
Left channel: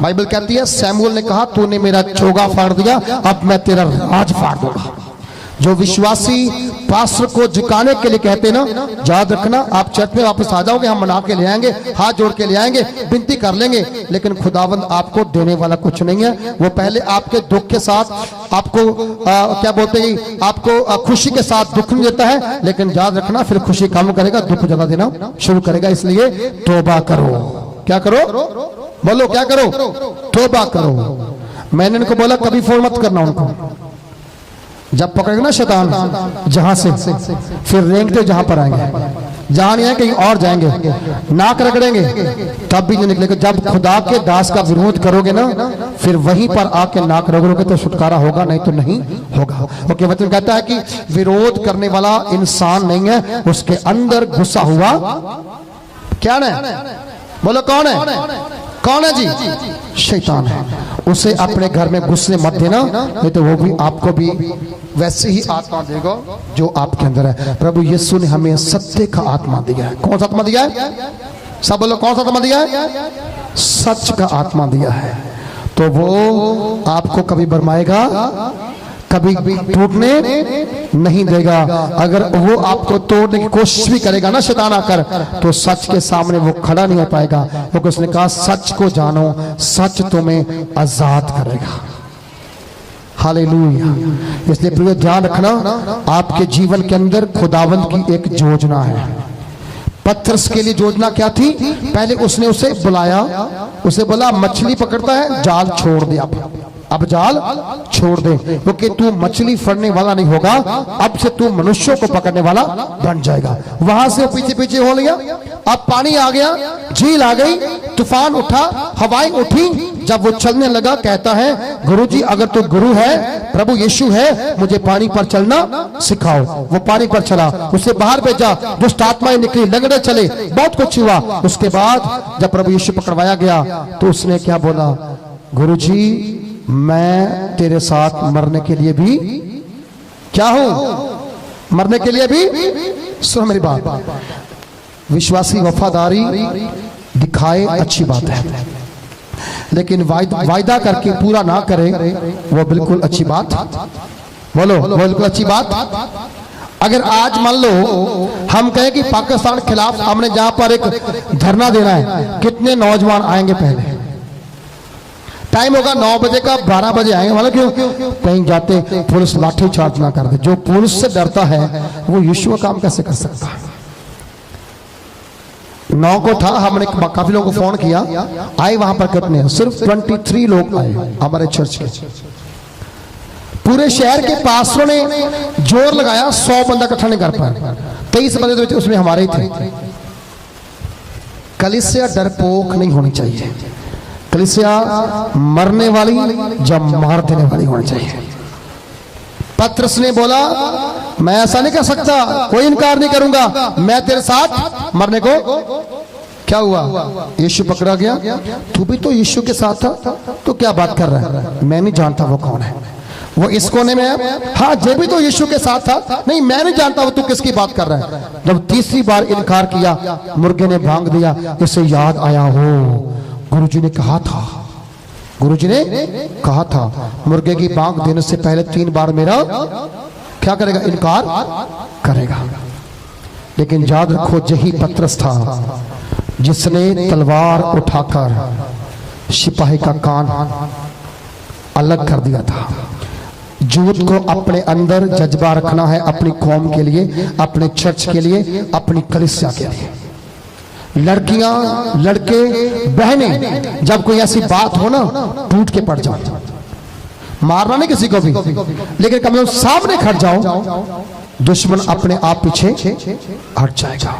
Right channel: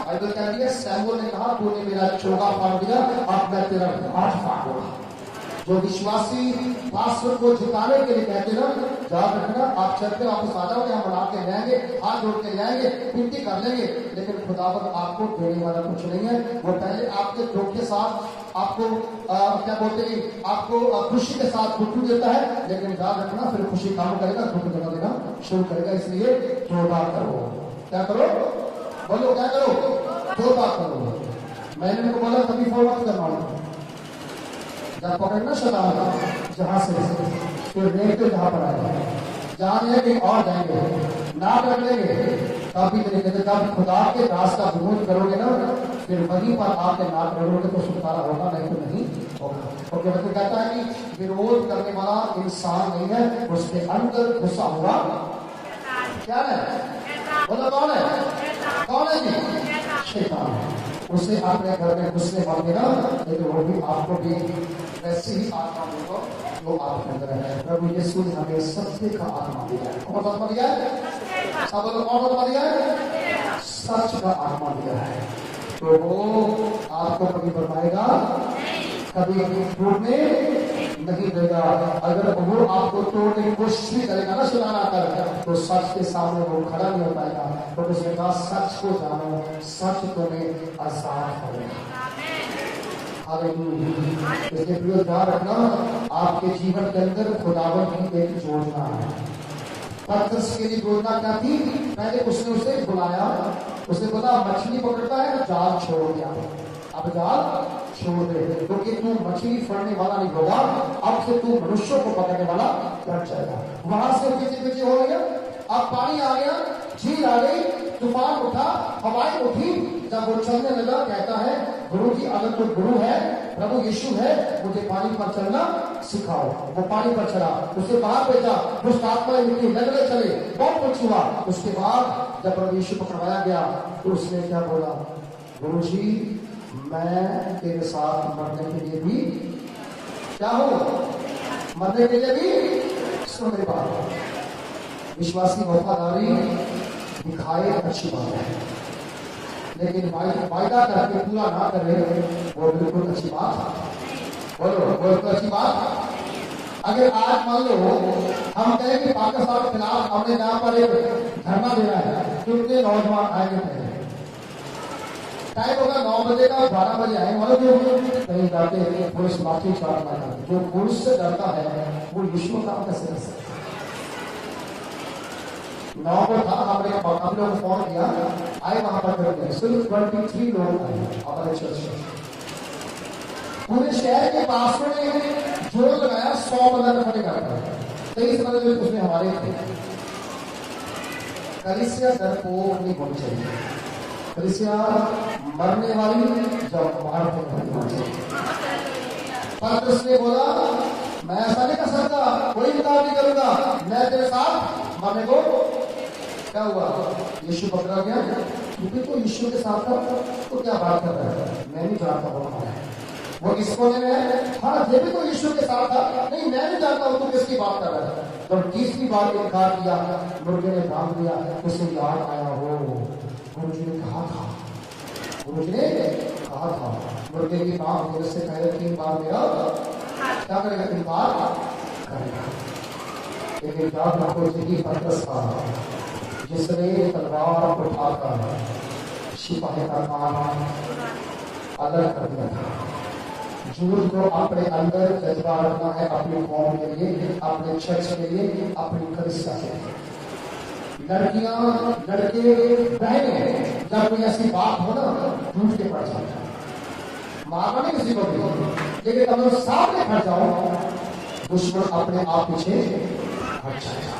बाइबल कहती है सैमुअल ने कहा तूने मेरा चोगा फाड़ दिया, अब मैं तेरा राज फाड़ दूंगा। जो विश्वासी पास्टर को झुकाने के लिए कहते ना, याद रखना आप चर्च में वापस आ जाओगे, हम मना के ले आएंगे, हाथ जोड़ के ले आएंगे, विनती कर लेंगे, लेकिन खुदावंद आपको देने वाला कुछ नहीं है। वो पहले आपके दुख के साथ आपको क्या बोलते हैं, आपको खुशी के साथ दुख नहीं देता है, लेकिन याद रखना फिर खुशी कम करेगा, दुख ज्यादा देना शुरू करेगा। इसलिए तौबा करो। क्या करो? बोलो क्या करो? तौबा करो। मैंने इनको बोला कभी फोन मत करना उनको, जब पकड़ेगा ना शैतान जहां से, फिर रेंगते जहां पर आएंगे, जहां नहीं है कहीं और जाएंगे, नाक रगड़ेंगे, तब भी नहीं निकलेगा। जब खुदा के दास का विरोध करोगे ना, फिर वहीं पर आके नाक रगड़ोगे तो छुटकारा होगा, नहीं तो नहीं होगा। क्योंकि वचन कहता है कि विरोध करने वाला इंसान नहीं है, उसके अंदर घुसा हुआ क्या है? बोलो कौन है? कौन है जी? शैतान है। उसे अपने घर में घुसने मत देना, नहीं तो वो भी आपको भी वैसे ही आत्मा देगा जो आपके अंदर है। प्रभु यीशु ने हमें सत्य का आत्मा दिया है। कौन सा आत्मा दिया है? सब बोलो कौन सा आत्मा दिया है? सच का आत्मा दिया है। तो वो आपको कभी बरमाएगा, कभी टूटने नहीं देगा। अगर वो आपको तोड़ने की कोशिश भी करेगा ना शैतान आकर, तो सच के सामने वो खड़ा नहीं हो पाएगा, क्योंकि उसने कहा सच को जानो, सच तुम्हें आजाद करेगा। हालेलुया। इसलिए प्रिय ध्यान रखना, आपके जीवन के अंदर खुदावंद की एक योजना है। पतरस के लिए योजना क्या थी? पहले उसने उसे बुलाया, उसे बोला मछली पकड़ता है, जाल छोड़ दे, अब जाल छोड़ दे, क्योंकि तू मछली फड़ने वाला नहीं होगा, अब से तू मनुष्यों को पकड़ने वाला बन जाएगा। वहां से पीछे पीछे हो लिया। अब पानी आ गया, झील आ गई, तूफान उठा, हवाएं उठी। जब वो चलने लगा, कहता है गुरुजी अगर तू गुरु है, प्रभु यीशु है, मुझे पानी पर चलना सिखाओ। वो पानी पर चला, उसे बाहर भेजा, दुष्ट आत्माएं निकली, लगड़े चले, बहुत कुछ हुआ। उसके बाद जब प्रभु यीशु पकड़वाया गया तो उसने क्या बोला? गुरुजी मैं तेरे साथ मरने के लिए भी क्या हूं? मरने के लिए भी। सुनो मेरी बात, विश्वासी वफादारी दिखाए अच्छी बात है, लेकिन वायदा करके पूरा ना करे वो बिल्कुल अच्छी बात। बोलो, वो बिल्कुल अच्छी बात। अगर आज मान लो हम कहें कि पाकिस्तान के खिलाफ हमने जहां पर एक धरना देना है, कितने नौजवान आएंगे? पहले टाइम होगा 9 बजे का, 12 बजे आएंगे। मतलब क्यों? कहीं जाते पुलिस लाठी चार्ज ना कर दे। जो पुलिस से डरता है वो यीशु का काम कैसे कर सकता है? 9 को था, हमने काफी लोगों को फोन किया, आए वहां पर कितने? सिर्फ 23 लोग आए हमारे चर्च के। पूरे शहर के पास्टरों ने जोर लगाया, 100 बंदा इकट्ठा नहीं कर पाया। 23 बंदे तो उसमें हमारे थे। कलीसिया डरपोक नहीं होनी चाहिए। कलीसिया मरने वाली जब मार देने वाली होनी चाहिए। पतरस ने बोला मैं ऐसा नहीं कर सकता, कोई इनकार नहीं करूंगा, मैं तेरे साथ मरने को। क्या हुआ? यीशु पकड़ा गया। तू भी तो यीशु के साथ था, तो क्या बात कर रहा है? मैं नहीं जानता वो कौन है, वो इस कोने में है। हाँ, जे भी तो यीशु के साथ था। नहीं, मैं नहीं जानता वो तू किसकी बात कर रहा है। जब तीसरी बार इनकार किया, मुर्गे ने भांग दिया। इसे याद आया, हो गुरुजी ने कहा था, गुरुजी ने कहा था मुर्गे की भांग देने से पहले 3 बार मेरा क्या करेगा? इनकार करेगा। लेकिन याद रखो, यही पतरस था जिसने तलवार उठाकर सिपाही का कान अलग कर दिया था। झूठ को अपने अंदर जज्बा रखना है, अपनी कौम के लिए, अपने चर्च के लिए, अपनी कलीसिया के लिए। लड़कियां, लड़के, बहनें, जब कोई ऐसी बात हो ना, टूट के पड़ जाओ। मारना नहीं किसी को भी, लेकिन कम से कम सामने खड़ जाओ, दुश्मन अपने आप पीछे हट जाएगा।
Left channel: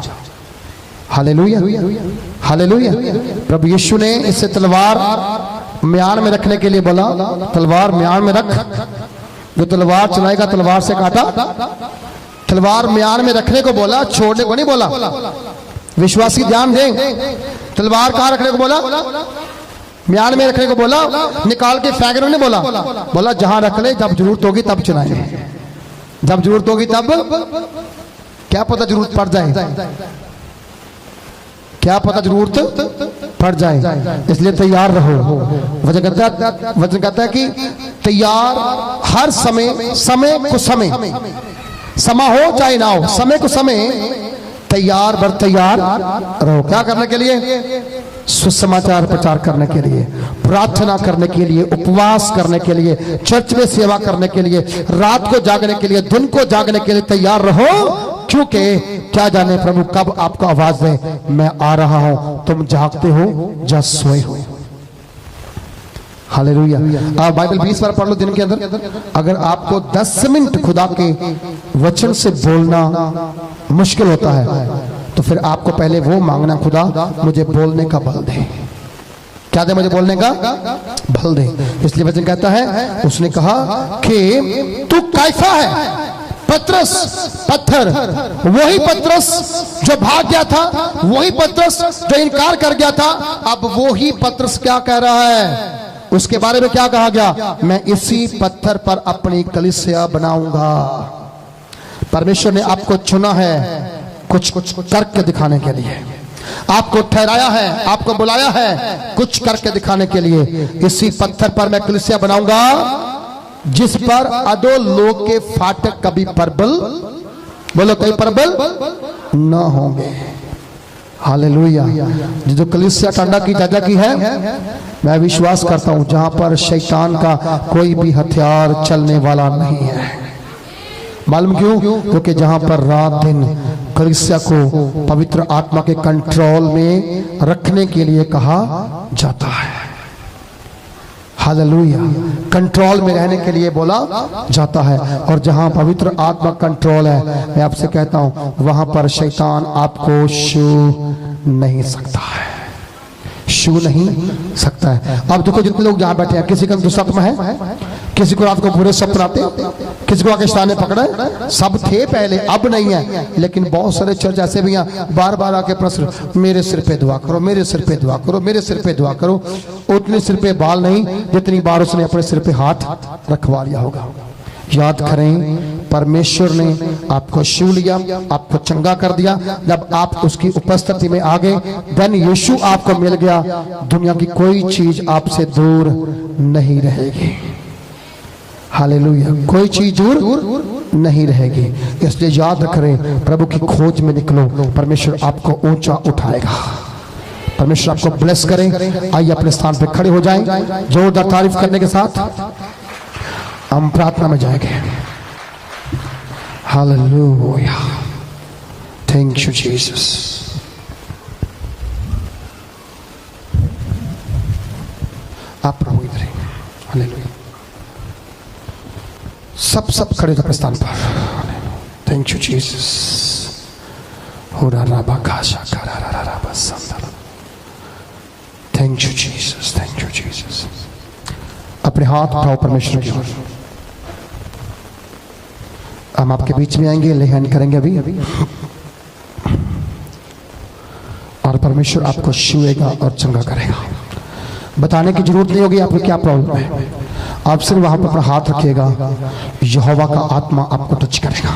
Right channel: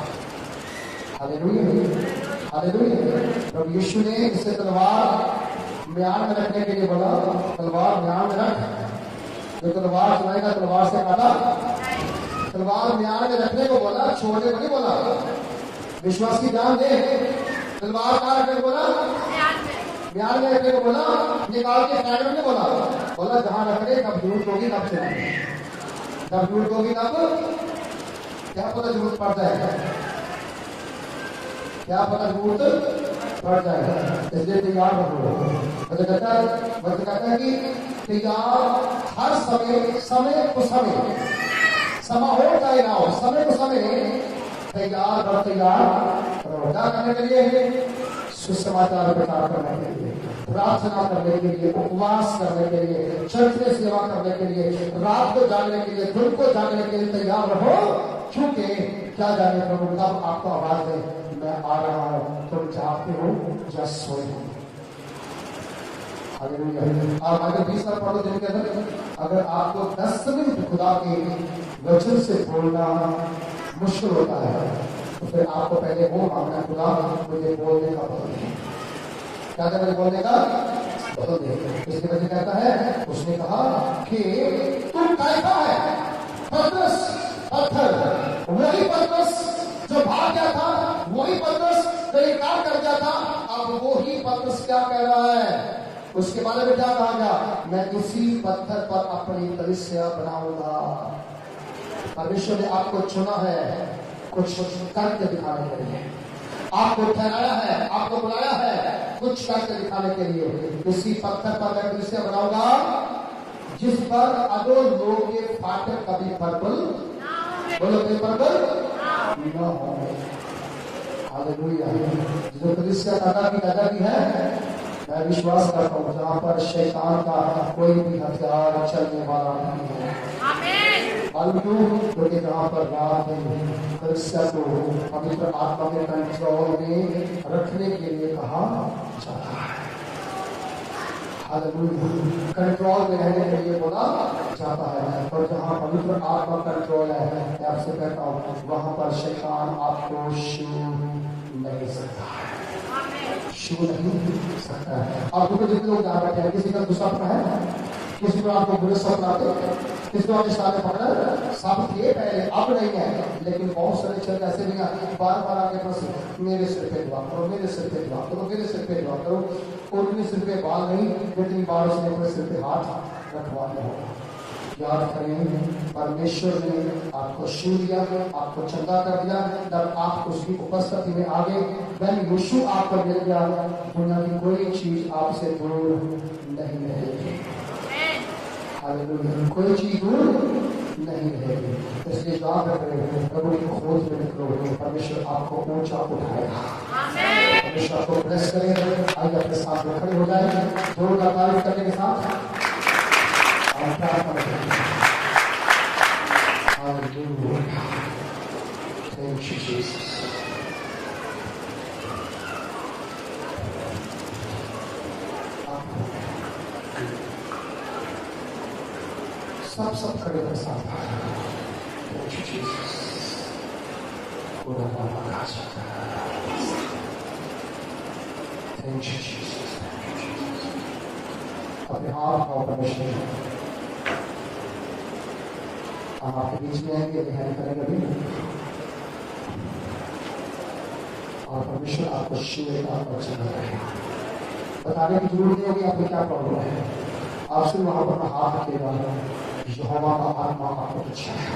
Hallelujah, hallelujah. प्रभु यीशु ने इससे तलवार म्यान में रखने के लिए बोला, तलवार म्यान में रख। जो तलवार चलाएगा तलवार से काटा। तलवार म्यान में रखने को बोला, छोड़ने को नहीं बोला। विश्वासी ध्यान दें, तलवार कहां रखने को बोला? म्यान में रखने को बोला, निकाल के फेंकने नहीं बोला। बोला जहां रख ले, जब जरूरत होगी तब चलाएंगे। जब जरूरत होगी तब, क्या पता जरूरत पड़ जाए, क्या पता जरूरत पड़ जाए, इसलिए तैयार रहो। वचन कहता है कि तैयार हर समय, समय को समय, समा हो चाहे ना हो, समय को समय तैयार बर तैयार रहो। क्या करने के लिए? सुसमाचार प्रचार करने के लिए, प्रार्थना करने के लिए, उपवास करने के लिए, चर्च में सेवा करने के लिए, रात को जागने के लिए, दिन को जागने के लिए तैयार रहो। क्योंकि क्या जाने प्रभु कब आपको आवाज दे, मैं आ रहा हूं, तुम जागते हो या सोए हो। हालेलुया। आप बाइबल 20 बार पढ़ लो दिन के अंदर। अगर आपको 10 मिनट खुदा के वचन से बोलना मुश्किल होता है, तो फिर आपको पहले वो मांगना, खुदा मुझे बोलने का बल दे। क्या दे? मुझे बोलने का बल दे। इसलिए वचन कहता है, उसने कहा कि तू कैफा है, पतरस पत्थर। वही पतरस जो भाग गया था, वही पतरस जो इनकार कर गया था, अब वही पतरस क्या कह रहा है? उसके बारे में क्या कहा गया? मैं इसी पत्थर पर अपनी कलीसिया बनाऊंगा। परमेश्वर ने आपको चुना है कुछ करके दिखाने के लिए, आपको ठहराया है, आपको बुलाया है कुछ करके दिखाने के लिए। इसी पत्थर पर मैं कलीसिया बनाऊंगा, जिस पर अधो लोग के फाटक कभी प्रबल, बोलो कहीं प्रबल न होंगे। हालेलुया। जो कलीसिया टांडा की चाचा की है, मैं विश्वास करता हूं जहां पर शैतान का कोई भी हथियार चलने वाला नहीं है। मालूम क्यों? क्योंकि जहां पर रात दिन कलीसिया को पवित्र आत्मा के कंट्रोल में रखने के लिए कहा जाता है। हालेलुया। कंट्रोल में रहने के लिए बोला जाता है। और जहां पवित्र आत्मा कंट्रोल है, मैं आपसे कहता हूं वहां पर शैतान आपको छू नहीं सकता है, छू नहीं सकता है। अब देखो जितने लोग यहाँ बैठे हैं, किसी का दुस्वप्न है, किसी को रात को बुरे सपने आते, किसी को आके शैतान ने पकड़ा, सब थे पहले, अब नहीं है। लेकिन बहुत सारे चर्च ऐसे भी हैं, बार बार आके प्रश्न, मेरे सिर पे दुआ करो, मेरे सिर पे दुआ करो, मेरे सिर पे दुआ करो। उतने सिर पे बाल नहीं जितनी बार उसने अपने सिर पे हाथ रखवा लिया होगा। याद करें, परमेश्वर ने आपको छू लिया, आपको चंगा कर दिया जब आप उसकी उपस्थिति में आ गए। धन यीशु आपको मिल गया, दुनिया की कोई चीज आपसे दूर नहीं रहेगी। हालेलुया। कोई चीज दूर नहीं रहेगी। इसलिए याद रखें, प्रभु की खोज में निकलो, परमेश्वर आपको ऊंचा उठाएगा। परमेश्वर आपको ब्लेस करें। आइए अपने स्थान पे खड़े हो जाएं, जोरदार तारीफ करने के साथ हम प्रार्थना में जाएंगे। हालेलुया। Thank you Jesus. आप प्रभु इधर हैं। हालेलुया। सब खड़े थे प्रस्थान पर। Thank you Jesus. Thank you Jesus, thank you Jesus. अपने हाथ उठाओ परमेश्वर की ओर। हम आपके बीच में आएंगे, ले हैंड करेंगे अभी और परमेश्वर आपको छुएगा और चंगा करेगा। बताने की जरूरत नहीं होगी आपको क्या प्रॉब्लम है, आप सिर्फ वहां पर अपना हाथ रखिएगा, यहोवा का आत्मा आपको टच करेगा।